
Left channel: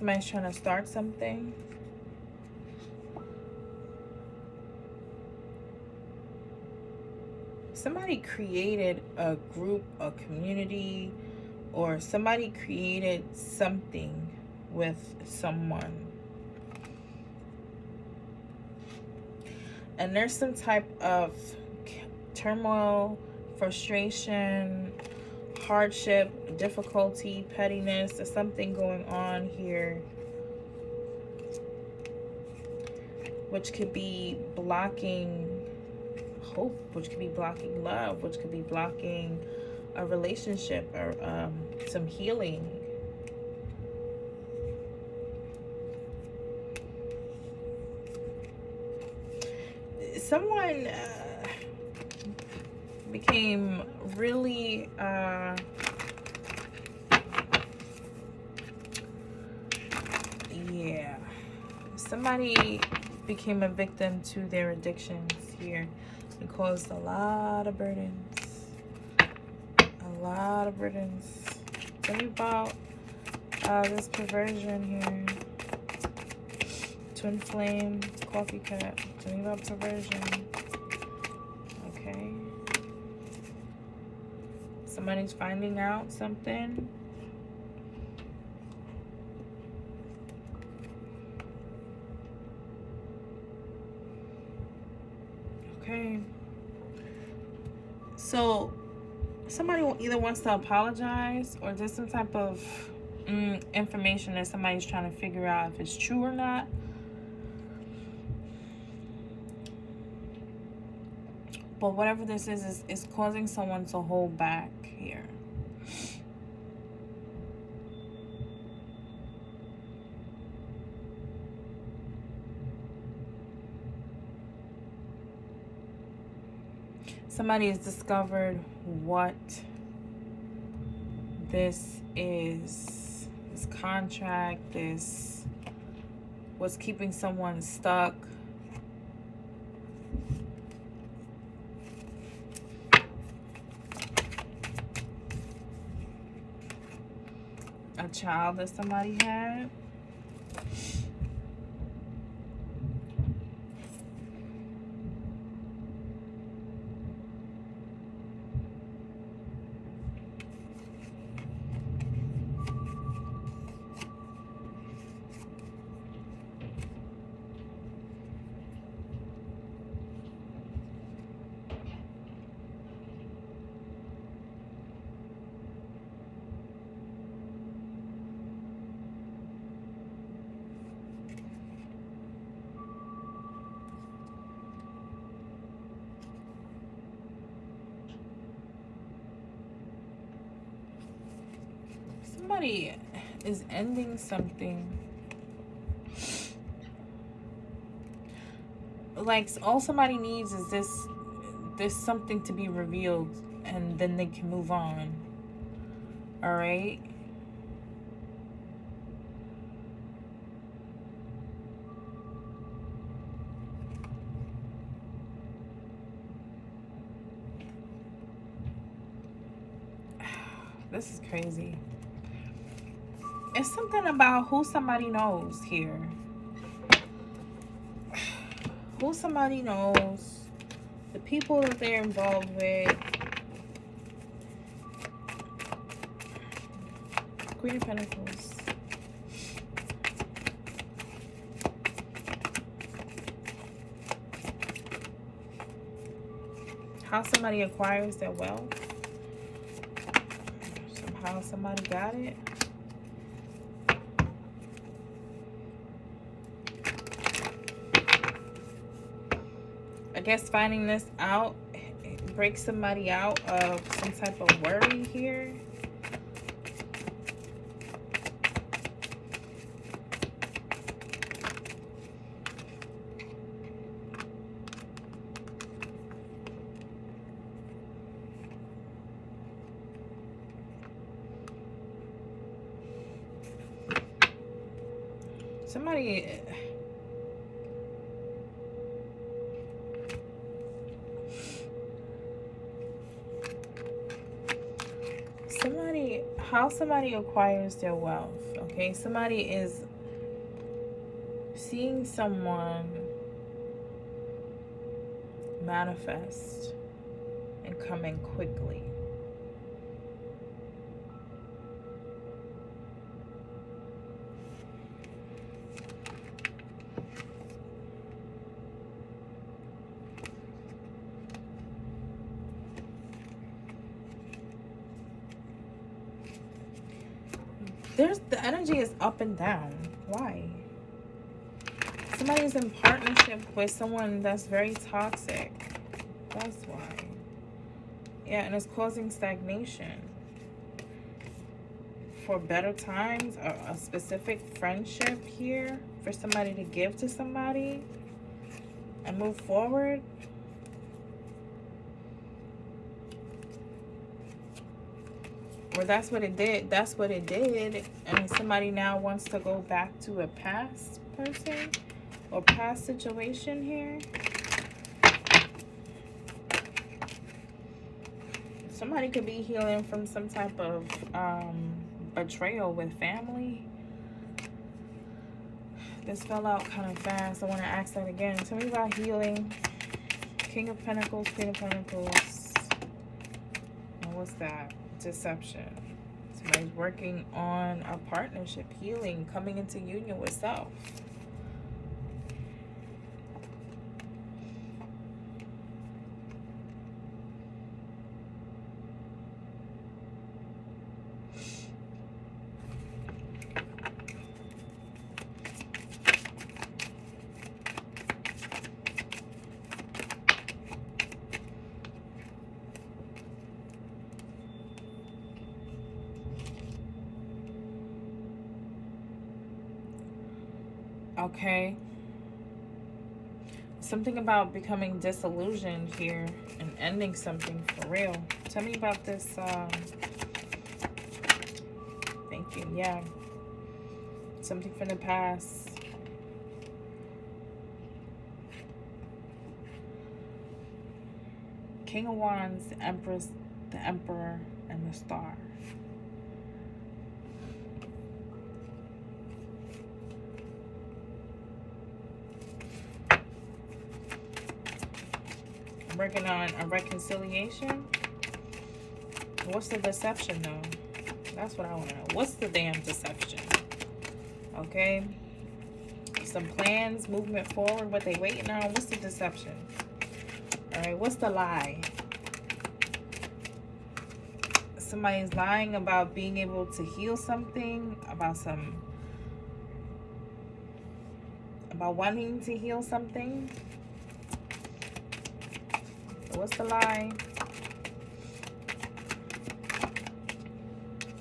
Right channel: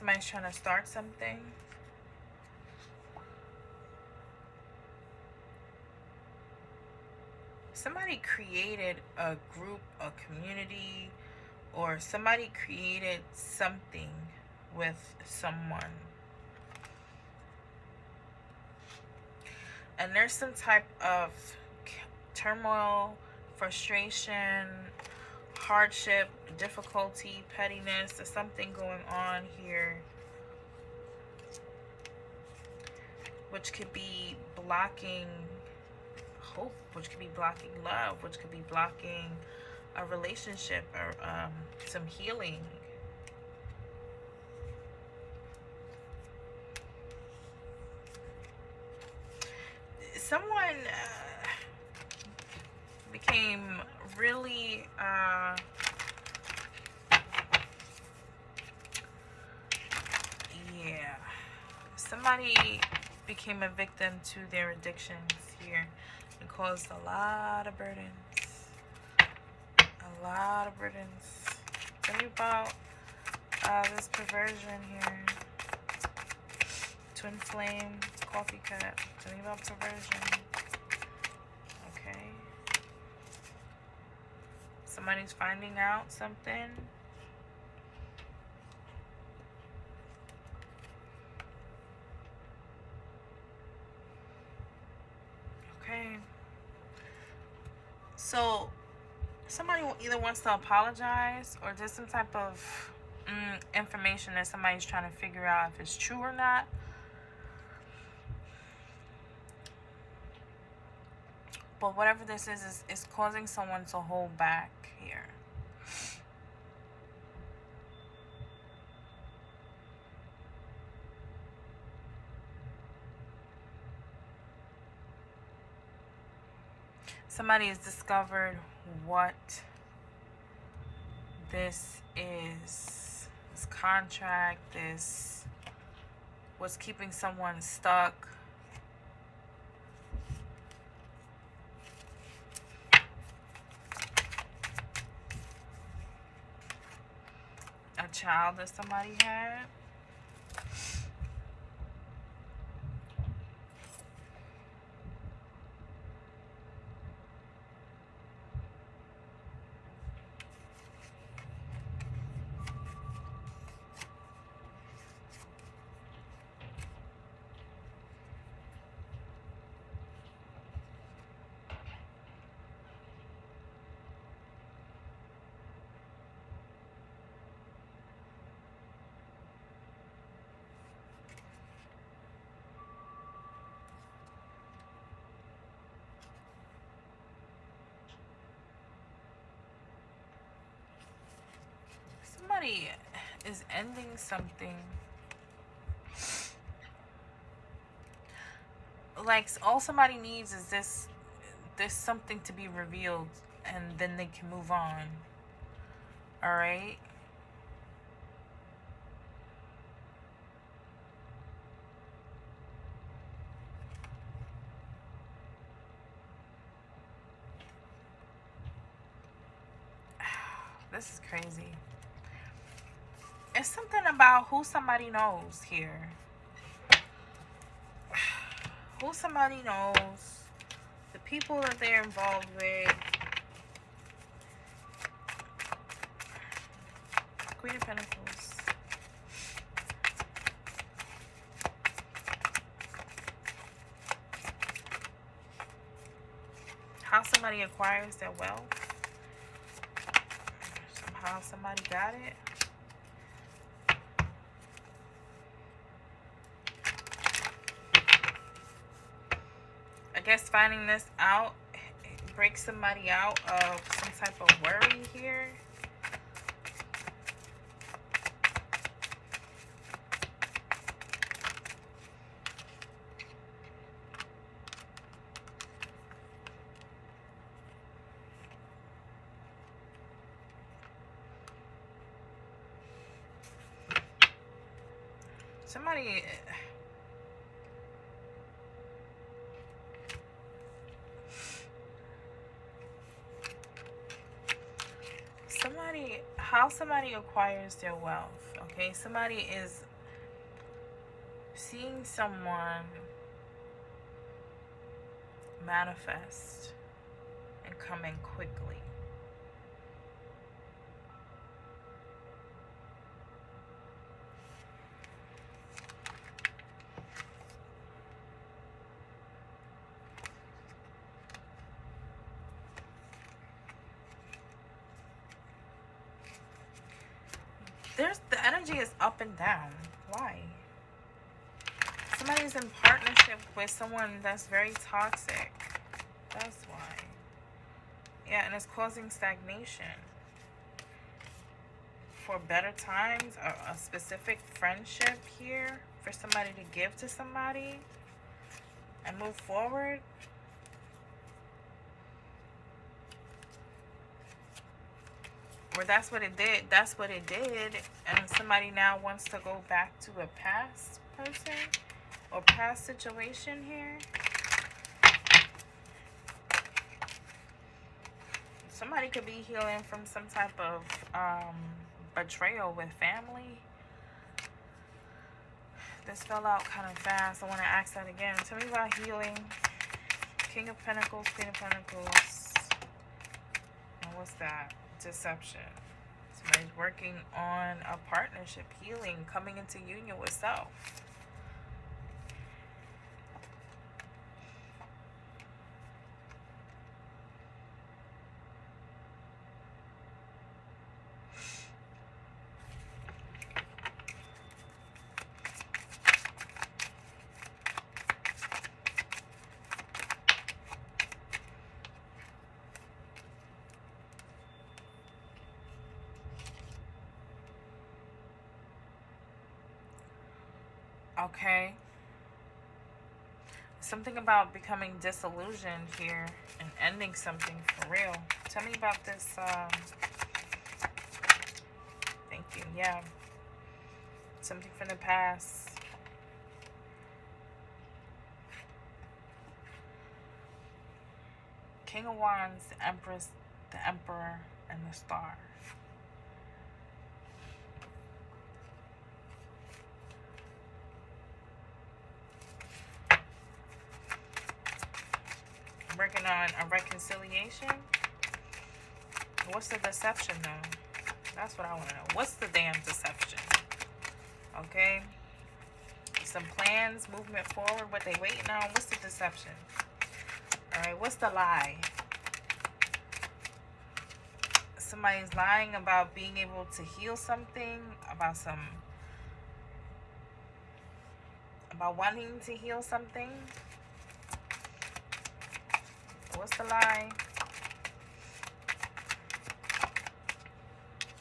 Somebody's trying to start something. Somebody created a group, a community, or somebody created something with someone. And there's some type of turmoil, frustration, hardship, difficulty, pettiness. There's something going on here which could be blocking hope, which could be blocking love, which could be blocking a relationship or some healing. Someone became really yeah, somebody became a victim to their addictions here and caused a lot of burdens. A lot of burdens. Tell me about this perversion here. Twin flame, coffee cup. Tell me about perversion. Okay. Somebody's finding out something. Okay. So somebody either wants to apologize or there's some type of information that somebody's trying to figure out if it's true or not. But whatever this is causing someone to hold back here. Somebody has discovered what this is, this contract, this, what's keeping someone stuck. A child that somebody had. Somebody is ending something. Like, all somebody needs is this something to be revealed and then they can move on. All right? This is crazy. It's something about who somebody knows here. Who somebody knows. The people that they're involved with. Queen of Pentacles. How somebody acquires their wealth. Somehow somebody got it. I guess finding this out breaks somebody out of some type of worry here. How somebody acquires their wealth. Okay, somebody is seeing someone manifest and come in quickly. The energy is up and down. Why? Somebody's in partnership with someone that's very toxic. That's why. Yeah, and it's causing stagnation. For better times, a specific friendship here for somebody to give to somebody and move forward. Or that's what it did. That's what it did. And somebody now wants to go back to a past person or past situation here. Somebody could be healing from some type of betrayal with family. This fell out kind of fast. I want to ask that again. Tell me about healing. King of Pentacles, Queen of Pentacles. And what's that? Deception. Somebody's working on a partnership, healing, coming into union with self. Okay. Something about becoming disillusioned here and ending something for real. Tell me about this. Thank you. Yeah. Something from the past. King of Wands, the Empress, the Emperor, and the Star. Working on a reconciliation. What's the deception though? That's what I want to know. What's the damn deception? Okay. Some plans, movement forward, what they waiting on. What's the deception? Alright, what's the lie? Somebody's lying about being able to heal something, about wanting to heal something. What's the lie?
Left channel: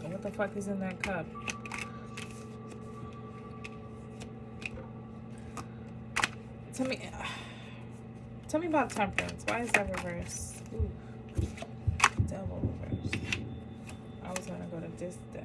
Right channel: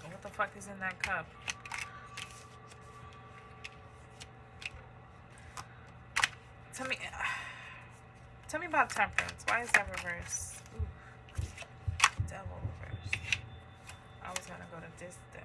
What the fuck is in that cup? Tell me about Temperance. Why is that reversed? Ooh. Devil reversed. I was gonna go to this deck.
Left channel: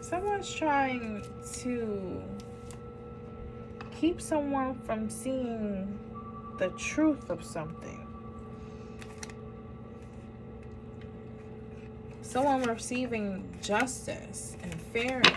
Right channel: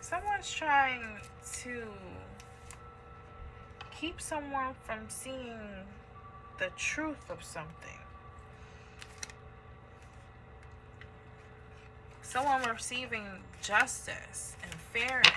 Someone's trying to keep someone from seeing the truth of something. Someone receiving justice and fairness.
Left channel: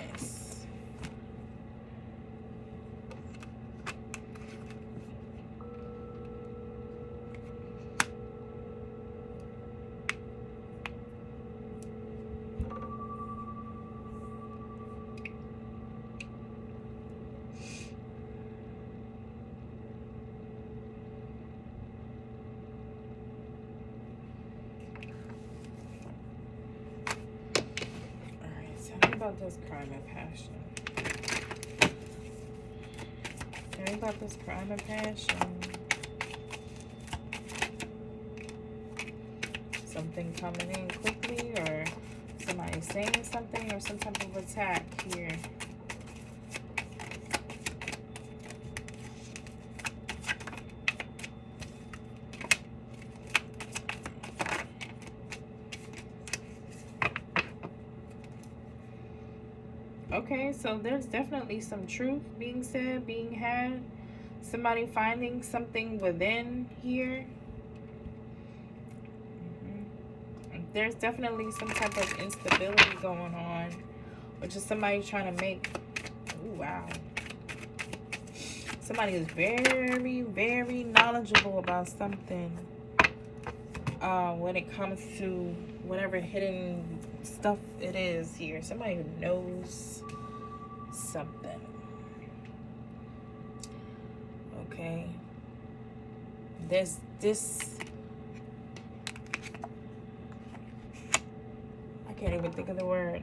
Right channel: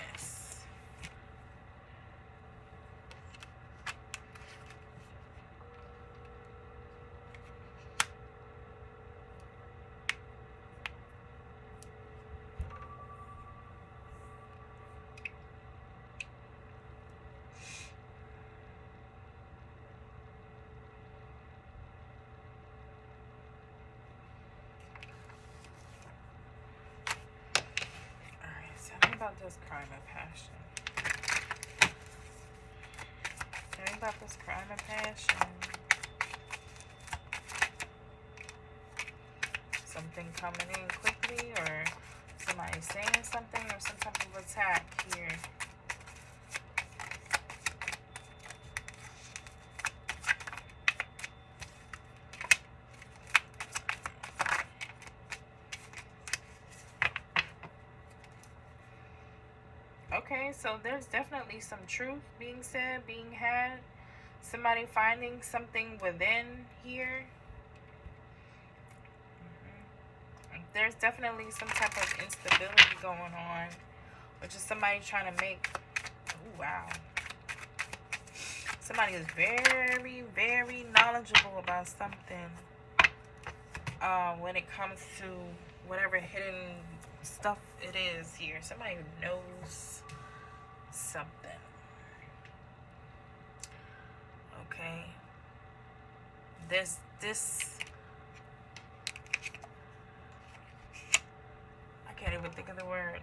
About this crime of passion. Tell me about this crime of passion. Something coming in quickly, or somebody saying something, or some type of attack here. Okay, so there's definitely some truth being said, being had. Somebody finding something within here. There's definitely some type of instability going on, or just somebody trying to make, oh wow, somebody is very, very knowledgeable about something when it comes to whatever hidden stuff it is here. Somebody who knows something. Okay, this I can't even think of the word.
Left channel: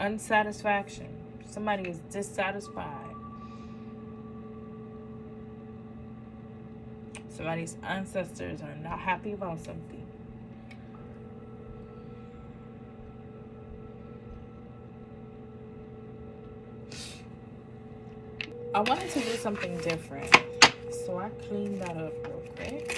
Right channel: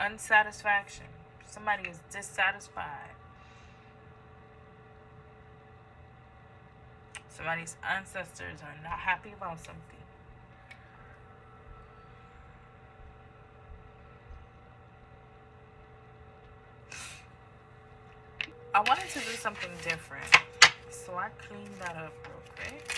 Unsatisfaction. Somebody is dissatisfied. Somebody's ancestors are not happy about something. I wanted to do something different, so I cleaned that up real quick.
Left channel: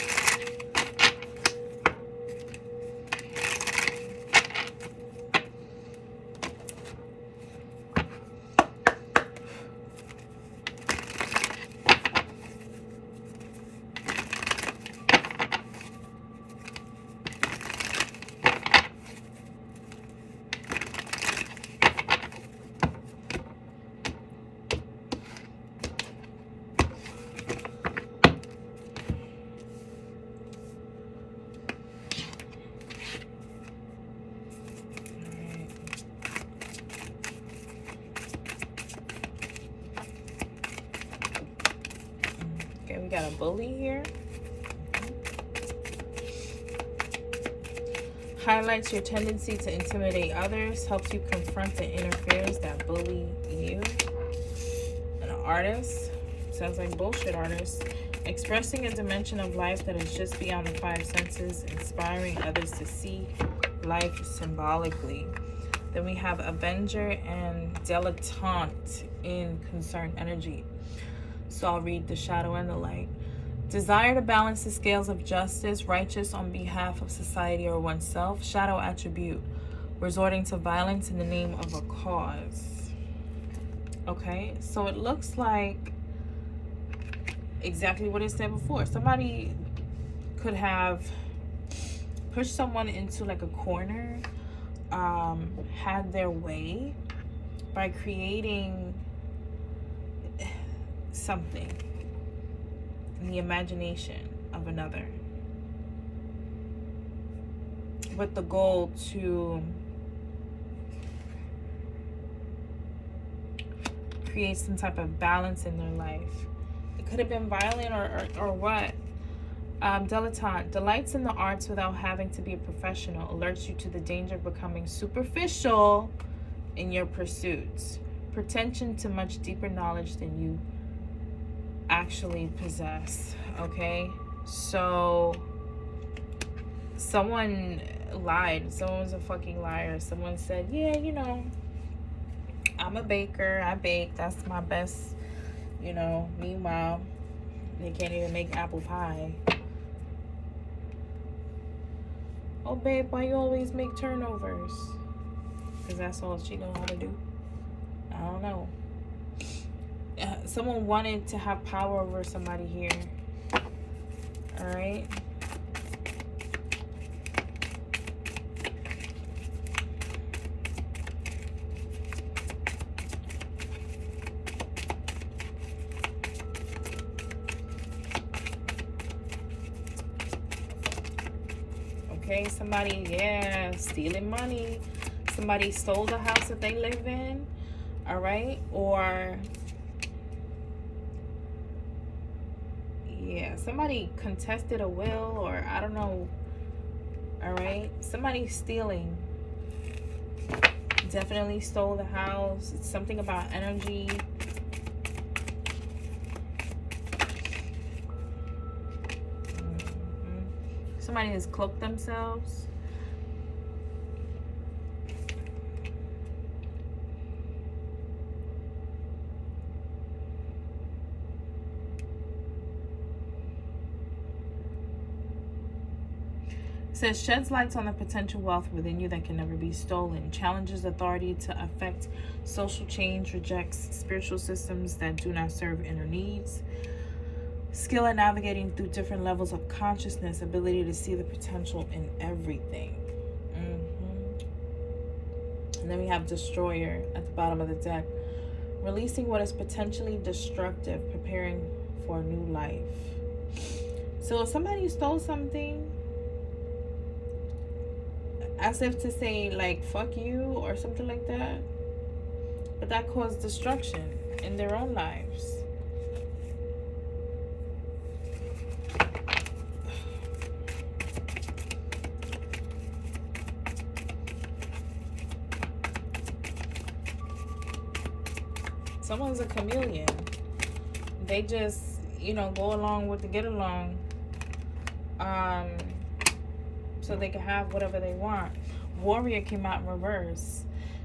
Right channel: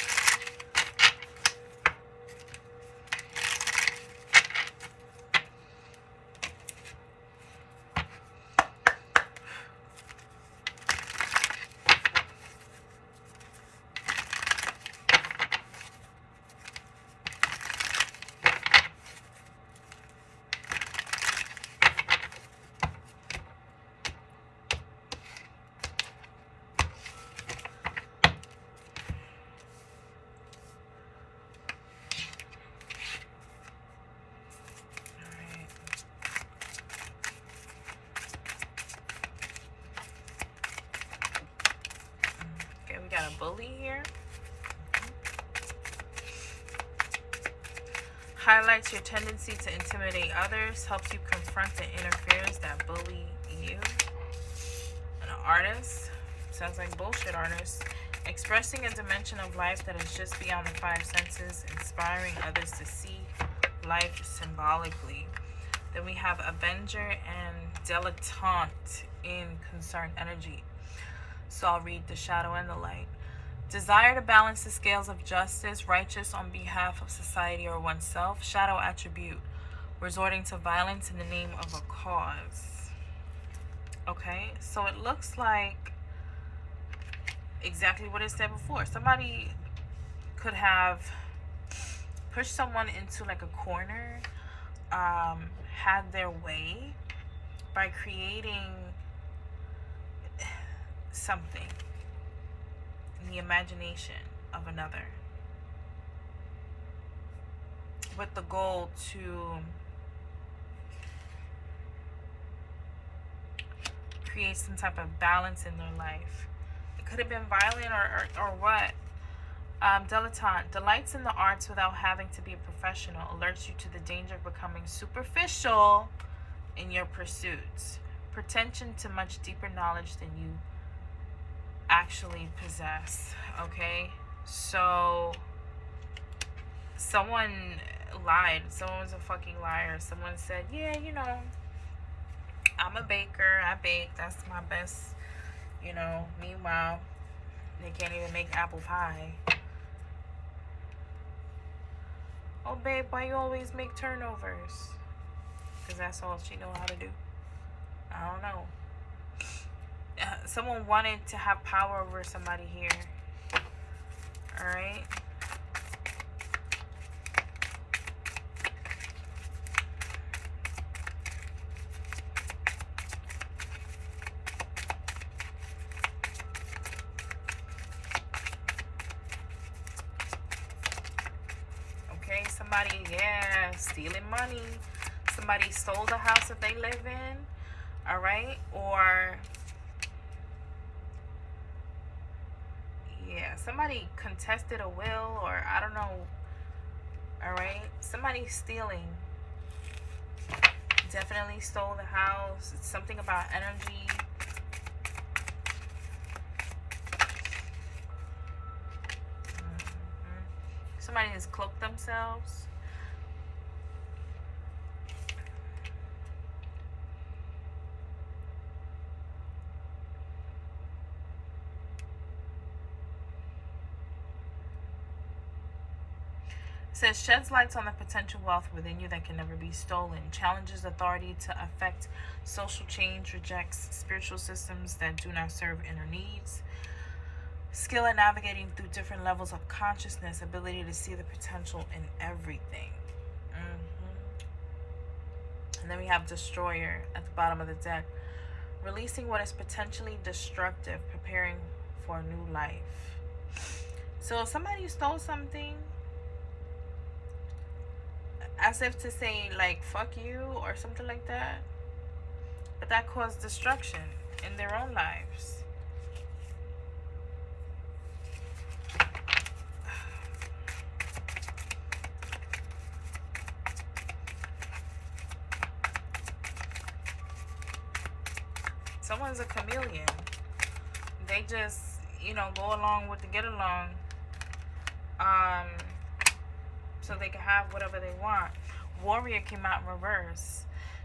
Okay, we got a bully here. Highlights your tendency to intimidate others, helps you confront the inner fears that bully you. An artist, sounds like bullshit artist. Expressing a dimension of life that is just beyond the five senses, inspiring others to see life symbolically. Then we have Avenger and Dilettante in concerned energy. So I'll read the shadow and the light. Desire to balance the scales of justice, righteous on behalf of society or oneself. Shadow attribute, resorting to violence in the name of a cause. Okay, so it looks like exactly what it said before. Somebody could have pushed someone into like a corner, had their way by creating something in the imagination of another, with the goal to create some type of balance in their life. It could have been violent or what. Dilettante, delights in the arts without having to be a professional, alerts you to the danger of becoming superficial in your pursuits. Pretension to much deeper knowledge than you actually possess. Okay, so someone lied. Someone was a fucking liar. Someone said, yeah, you know, I'm a baker, I bake, that's my best, you know. Meanwhile, they can't even make apple pie. Oh babe, why you always make turnovers? Because that's all she know how to do. I don't know. Someone wanted to have power over somebody here. All right. Okay, somebody, yeah, stealing money. Somebody sold the house that they live in. All right, or yeah, somebody contested a will, or I don't know. All right, somebody stealing. Definitely stole the house. It's something about energy. Somebody has cloaked themselves. says sheds lights on the potential wealth within you that can never be stolen, challenges authority to affect social change, rejects spiritual systems that do not serve inner needs, skill at navigating through different levels of consciousness, ability to see the potential in everything. And then we have destroyer at the bottom of the deck, releasing what is potentially destructive, preparing for a new life. So if somebody stole something, as if to say like fuck you or something like that, but that caused destruction in their own lives. Someone's a chameleon. They just, you know, go along with the get along, so they can have whatever they want. Warrior came out in reverse.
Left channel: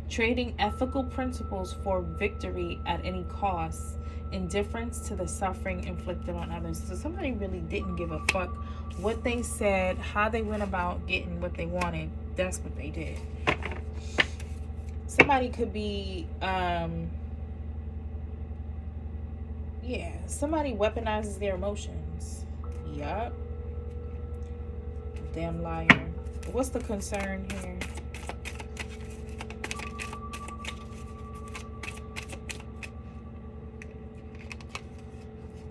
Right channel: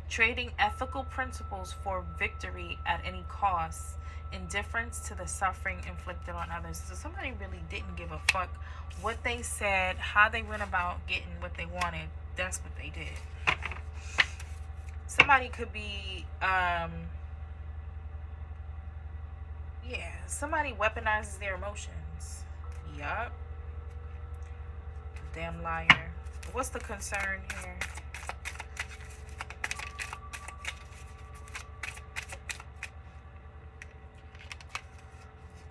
Trading ethical principles for victory at any cost. Indifference to the suffering inflicted on others. So somebody really didn't give a fuck what they said, how they went about getting what they wanted. That's what they did. Somebody could be, yeah, somebody weaponizes their emotions. Yup. Damn liar. What's the concern here?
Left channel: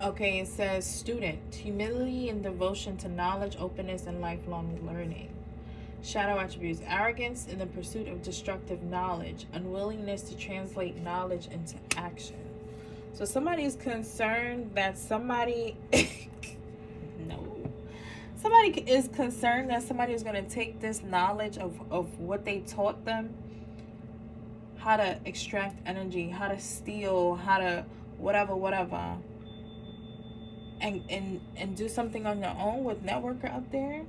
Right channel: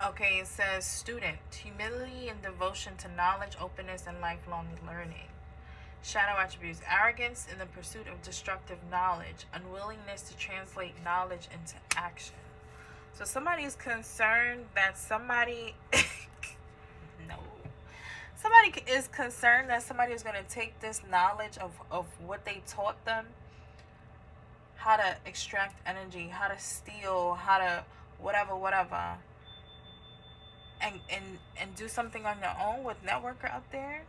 Okay, it says student, humility and devotion to knowledge, openness, and lifelong learning. Shadow attributes, arrogance in the pursuit of destructive knowledge, unwillingness to translate knowledge into action. So somebody is concerned that somebody, no. Somebody is concerned that somebody is going to take this knowledge of what they taught them, how to extract energy, how to steal, how to whatever, and do something on your own with networker up there.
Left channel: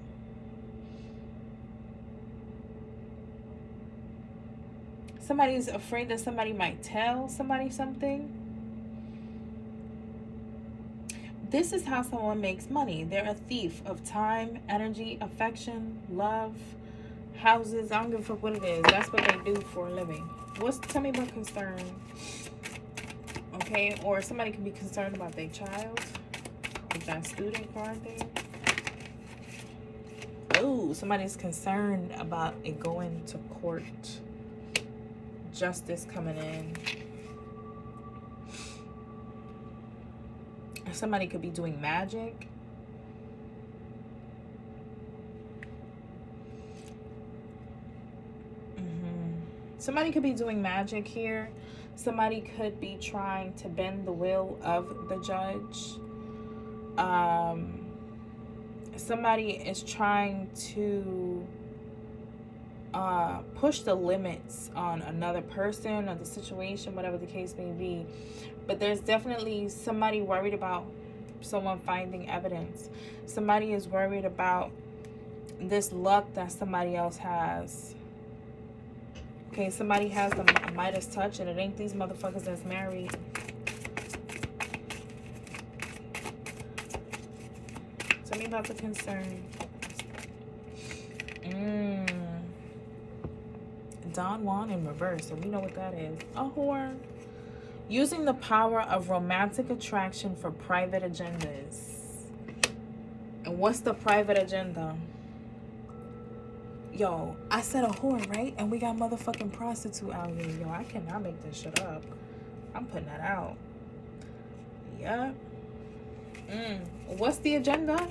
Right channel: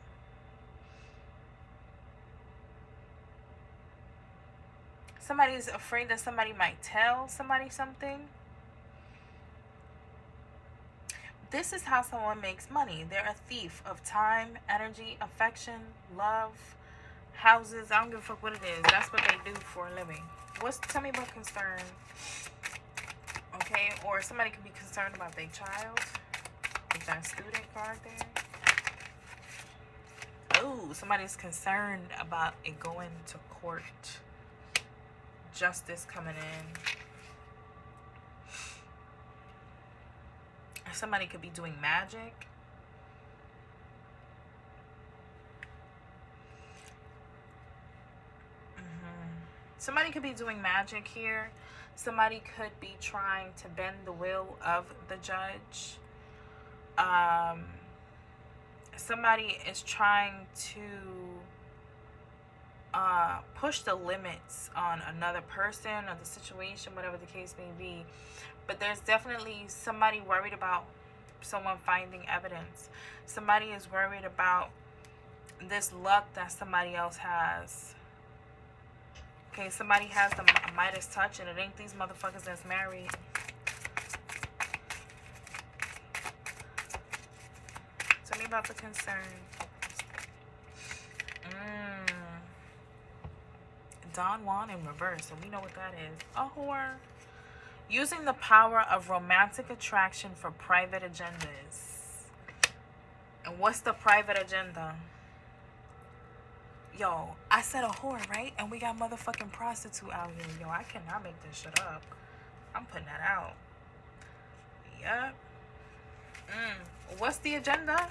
Somebody's afraid that somebody might tell somebody something. This is how someone makes money. They're a thief of time, energy, affection, love, houses. I don't give a fuck what it is. That's what they do for a living. Tell me about concern. Okay, or somebody can be concerned about their child. With that student card there. Oh, somebody's concerned about it going to court. Justice coming in. Somebody could be doing magic. Somebody could be doing magic here. Somebody could be trying to bend the will of the judge. Somebody is trying to push the limits on another person or the situation, whatever the case may be. But there's definitely somebody worried about someone finding evidence. Somebody is worried about this luck that somebody else has. Okay, somebody has the Midas touch, and it ain't these motherfuckers that's married. Tell me about the concern. Don Juan in reverse, so we know what that is. A whore. Using the power of romantic attraction for private agendas. And what's the private agenda? Yo, I said a whore, right? And we got motherfucking prostitute out here. Yo, I cannot make this shit up. I'm putting that out. Yup. What's the agenda?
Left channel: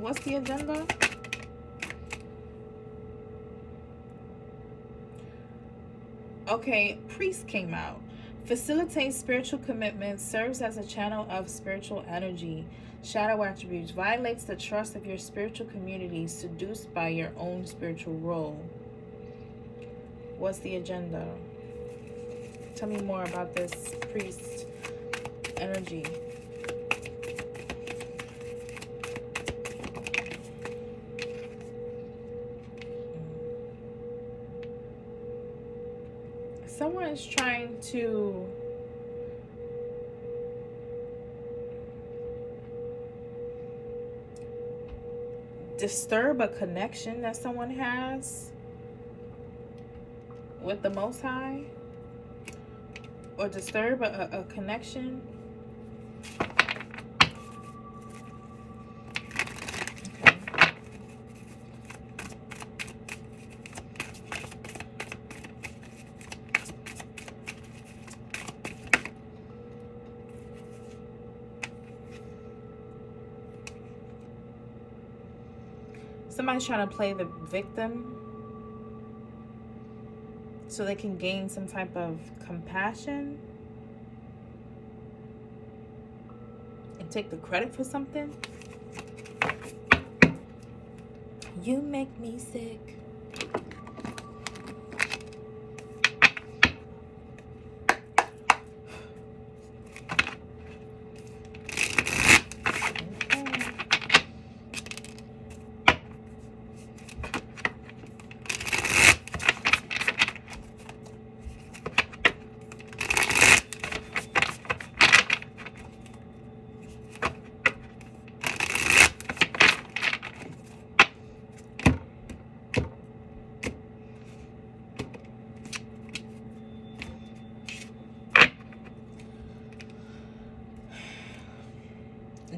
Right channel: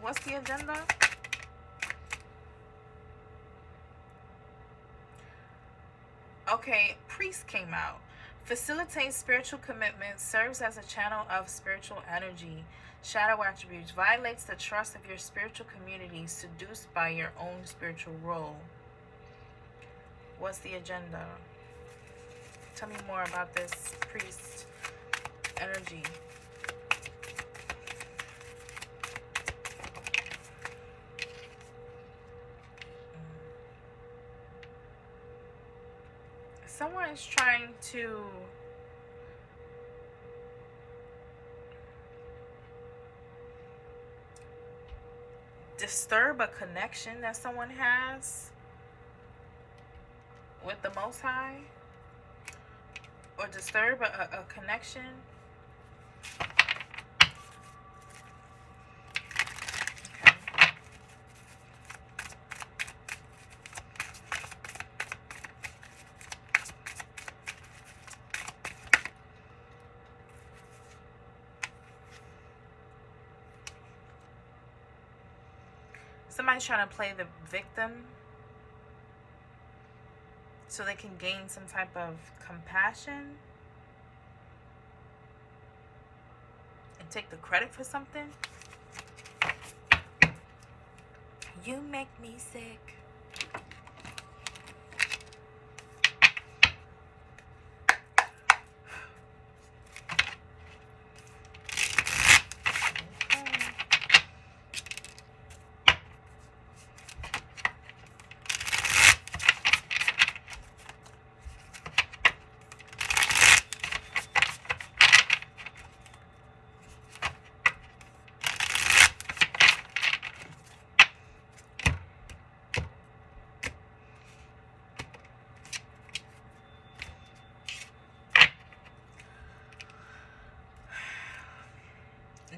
What's the agenda? Okay, priest came out. Facilitates spiritual commitment, serves as a channel of spiritual energy. Shadow attributes, violates the trust of your spiritual community, seduced by your own spiritual role. What's the agenda? Tell me more about this priest energy. Someone is trying to disturb a connection that someone has with the Most High, or disturb a connection. Okay. Somebody's trying to play the victim so they can gain some type of compassion and take the credit for something. You make me sick.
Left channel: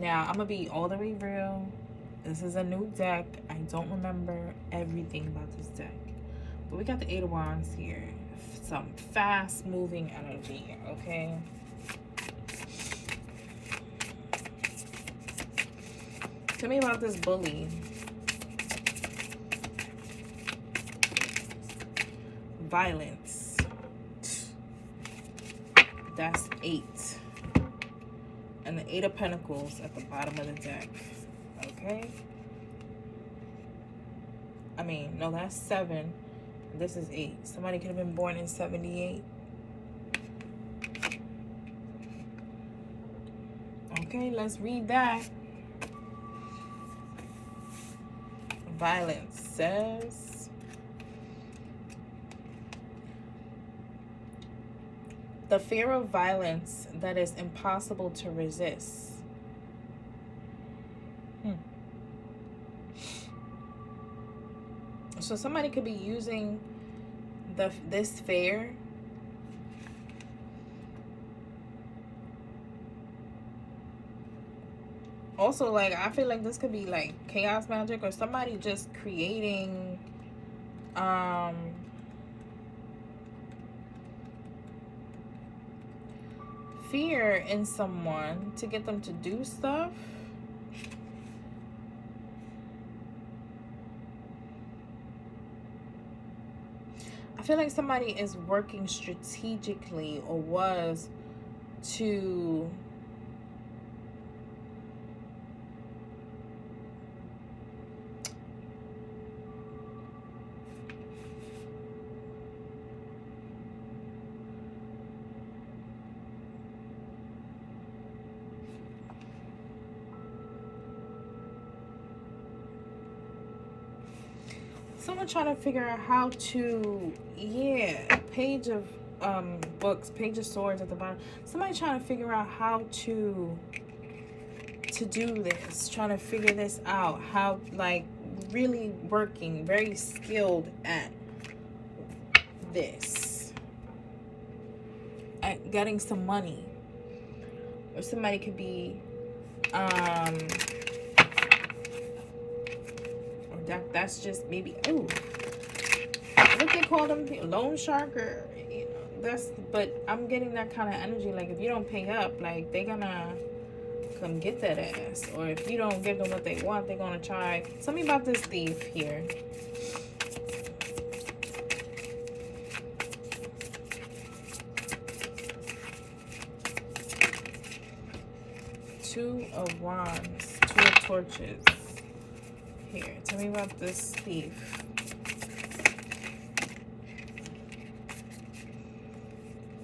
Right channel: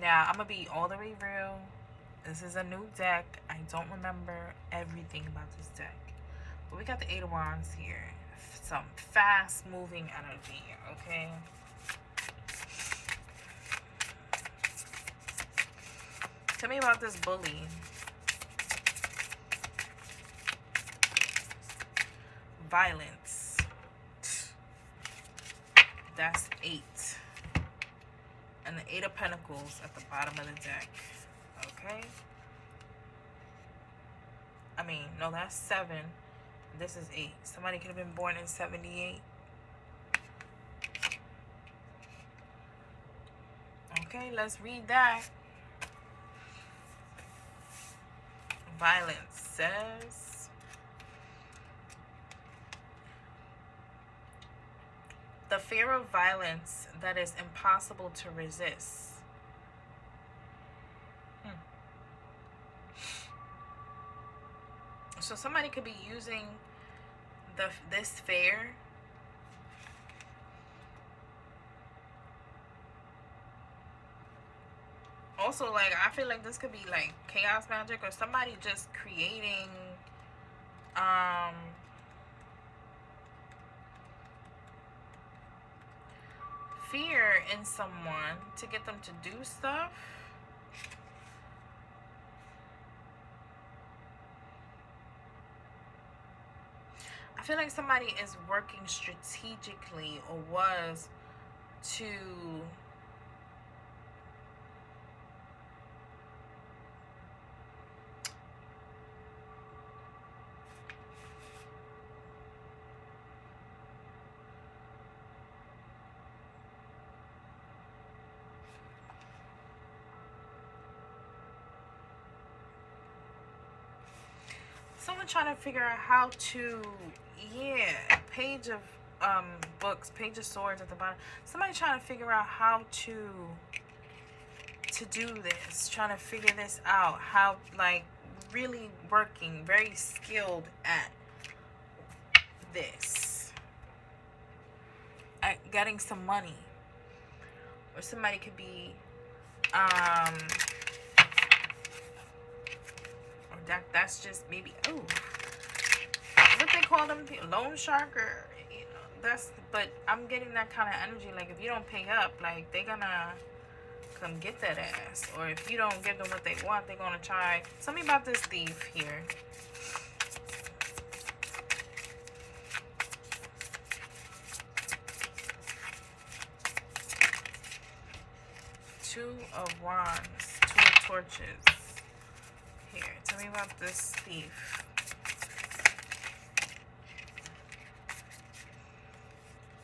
Now, I'm going to be all the way real. This is a new deck. I don't remember everything about this deck. But we got the Eight of Wands here. Some fast-moving energy, okay? Tell me about this bully. Violence. That's 8. And the Eight of Pentacles at the bottom of the deck. Okay? I mean, no, that's 7. This is 8. Somebody could have been born in 78. Okay, let's read that. Violence says, the fear of violence that is impossible to resist. So somebody could be using this fear also, like, I feel like this could be like chaos magic, or somebody just creating fear in someone to get them to do stuff. I feel like somebody is working strategically, or was, to someone trying to figure out how to, Page of books, Page of Swords at the bottom. Somebody trying to figure out how to do this, trying to figure this out, how, like, really working, very skilled at this, at getting some money. Or somebody could be that's just maybe, what they call them, loan shark, or, you know, that's, but I'm getting that kind of energy, like, if you don't pay up, like, they're gonna come get that ass, or if you don't give them what they want, they're gonna try. Tell me about this thief here. Two of Wands, Two of Torches. Here, tell me about this thief.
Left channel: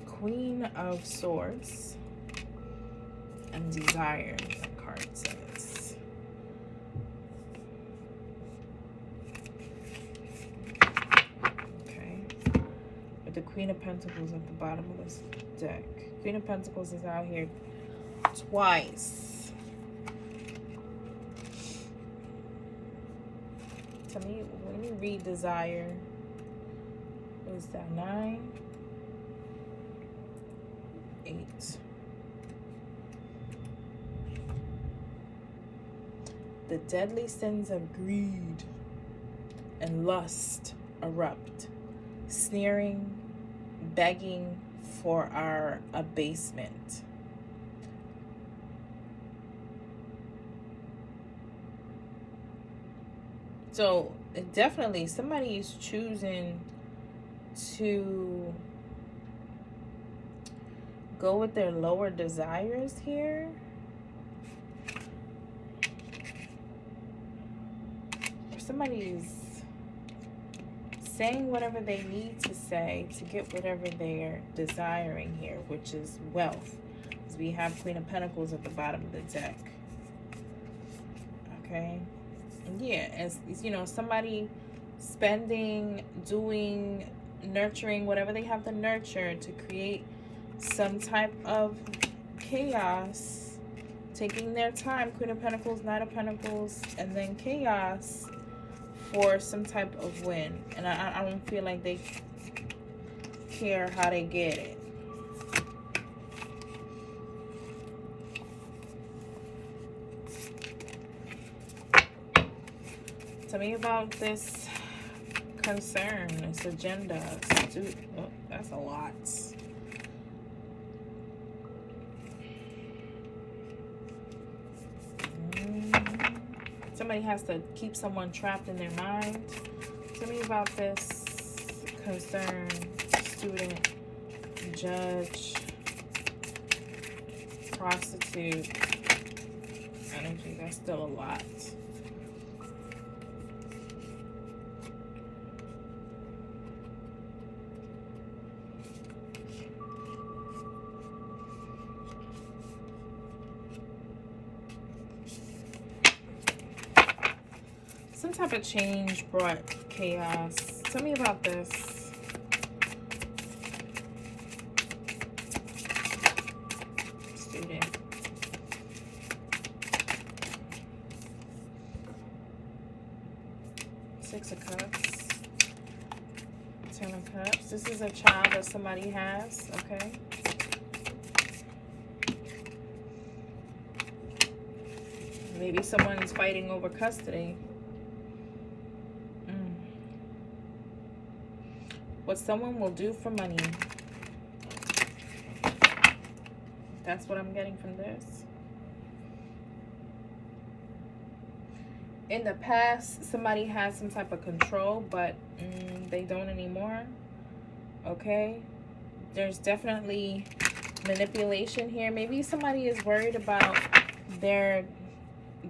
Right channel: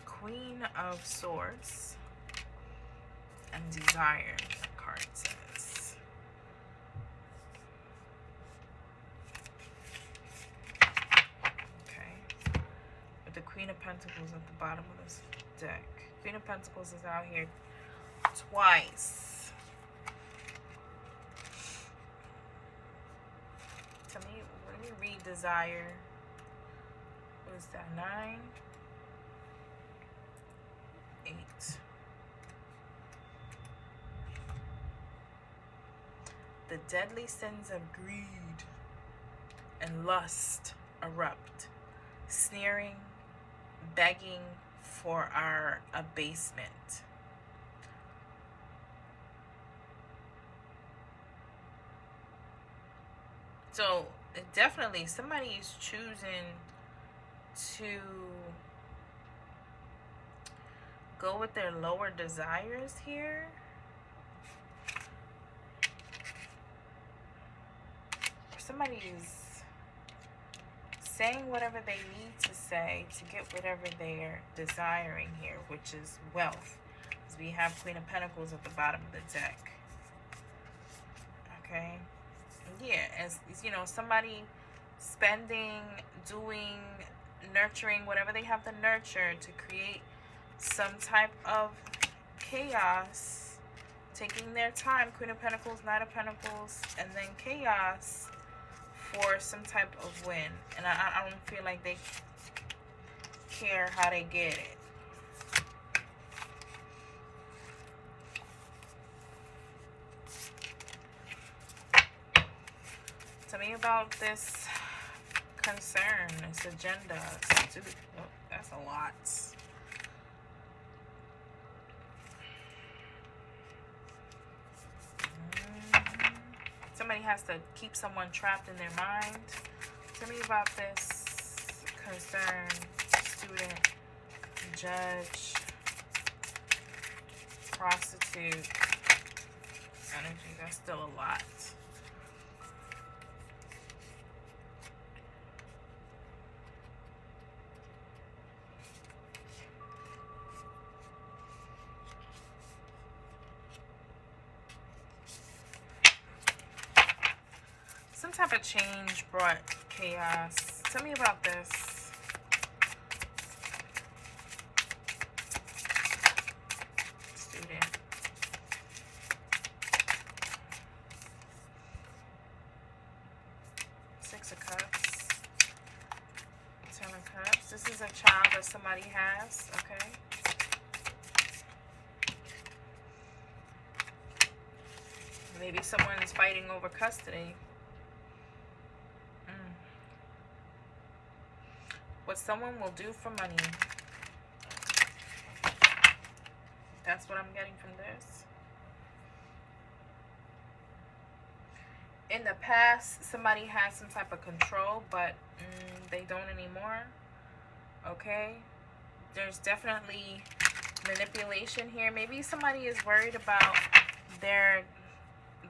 Queen of Swords and Desire, that card says. Okay. With the Queen of Pentacles at the bottom of this deck. Queen of Pentacles is out here twice. Tell me, let me read desire. What is that? 9, 8. The deadly sins of greed and lust erupt, sneering, begging for our abasement. So definitely somebody is choosing to go with their lower desires here. Or somebody's saying whatever they need to say to get whatever they're desiring here, which is wealth. Because we have Queen of Pentacles at the bottom of the deck. Okay. Yeah, as you know, somebody spending, doing, nurturing whatever they have to nurture to create some type of chaos, taking their time. Queen of Pentacles, Knight of Pentacles, and then chaos for some type of win. And I don't feel like they care how they get it. Tell me about this concern, this agenda. Oh, that's a lot. Somebody has to keep someone trapped in their mind. Tell me about this concern, student, judge, prostitute energy. That's still a lot. Some type of change brought chaos. Tell me about this. Student. Six of Cups. 10 of Cups. This is a child that somebody has, okay? Maybe someone's fighting over custody. What someone will do for money. That's what I'm getting from this. In the past, somebody had some type of control, but they don't anymore. Okay? There's definitely manipulation here. Maybe somebody is worried about the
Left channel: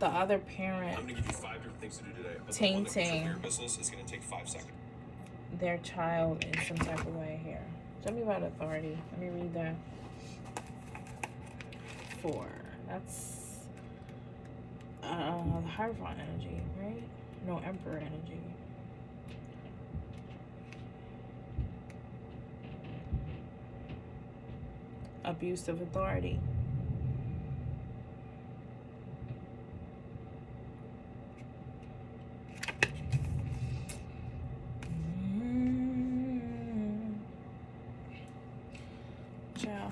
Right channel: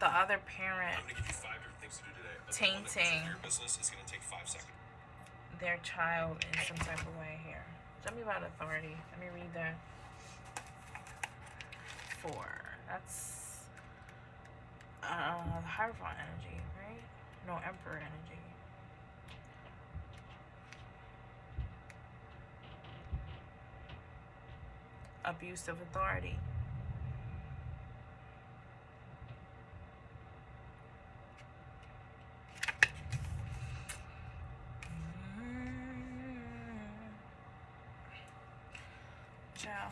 other parent I'm gonna give you 5 different things to do today. But tainting your business is gonna take 5 seconds. Their child in some type of way here. Tell me about authority. Let me read that. 4. That's the Hierophant energy, right? No, Emperor energy. Abuse of authority. Ciao.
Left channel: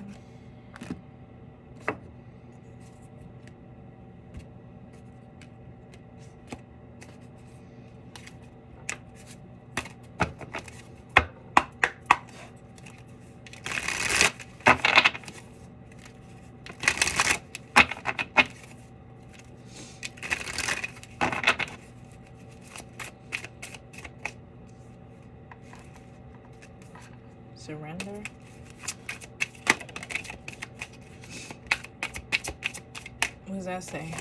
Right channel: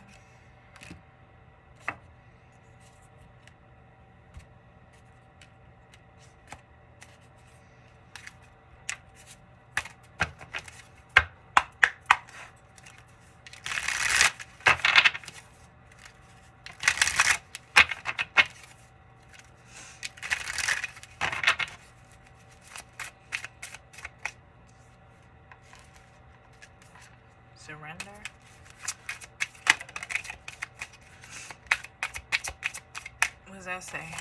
Surrender. What does that say?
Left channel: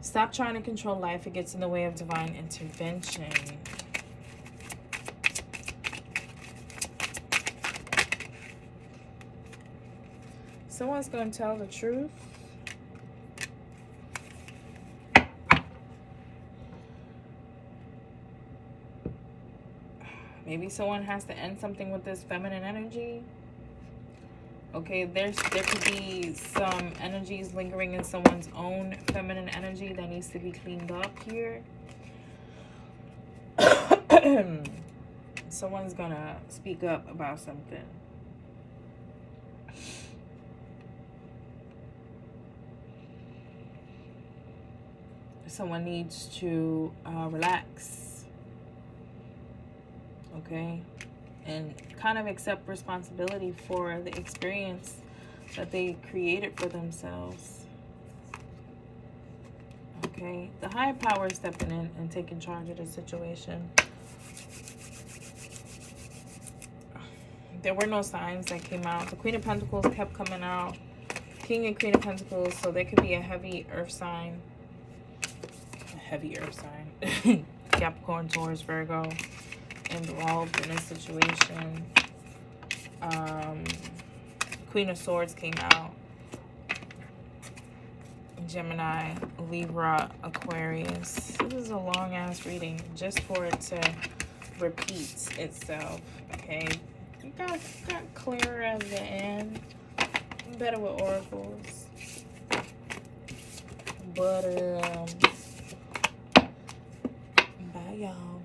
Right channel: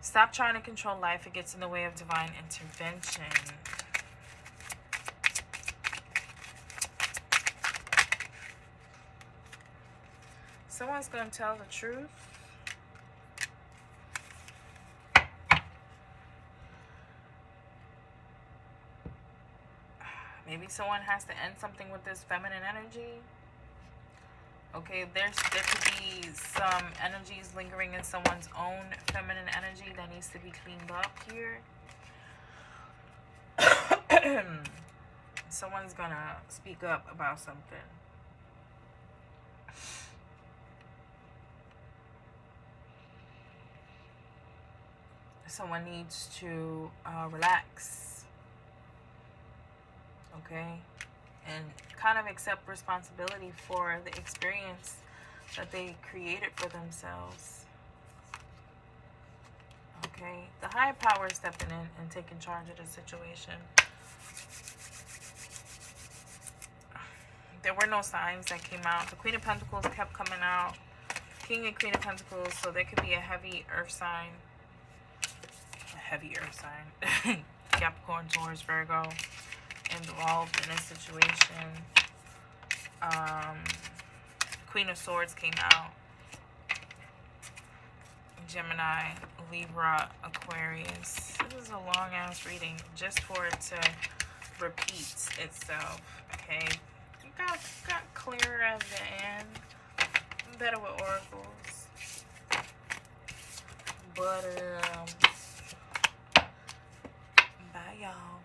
Stop trying to control life. It gets in the way of divine intervention. Someone's going to tell the truth. Maybe someone has to end something with this feminine energy. Okay, there could be some energies lingering in someone's own feminine energy that needs to be cleaned up here. Someone's gonna speak up about something. Someone needs to relax, okay, and kind of accept responsibility for the experience that they created for themselves. Okay, the higher power is stepping in and taking charge of the situation. There were no signs that came out. The Queen of Pentacles kept coming out. King and Queen of Pentacles, so there could be a heavy earth sign. A heavy earth sign. Capricorn, Taurus, Virgo involved in this situation. Queen of Swords came out. Gemini, Libra, Aquarius. This is a long ass reading just for it to repeat itself. Okay, it got clearer at the end. I'm better with oracles, but bye y'all.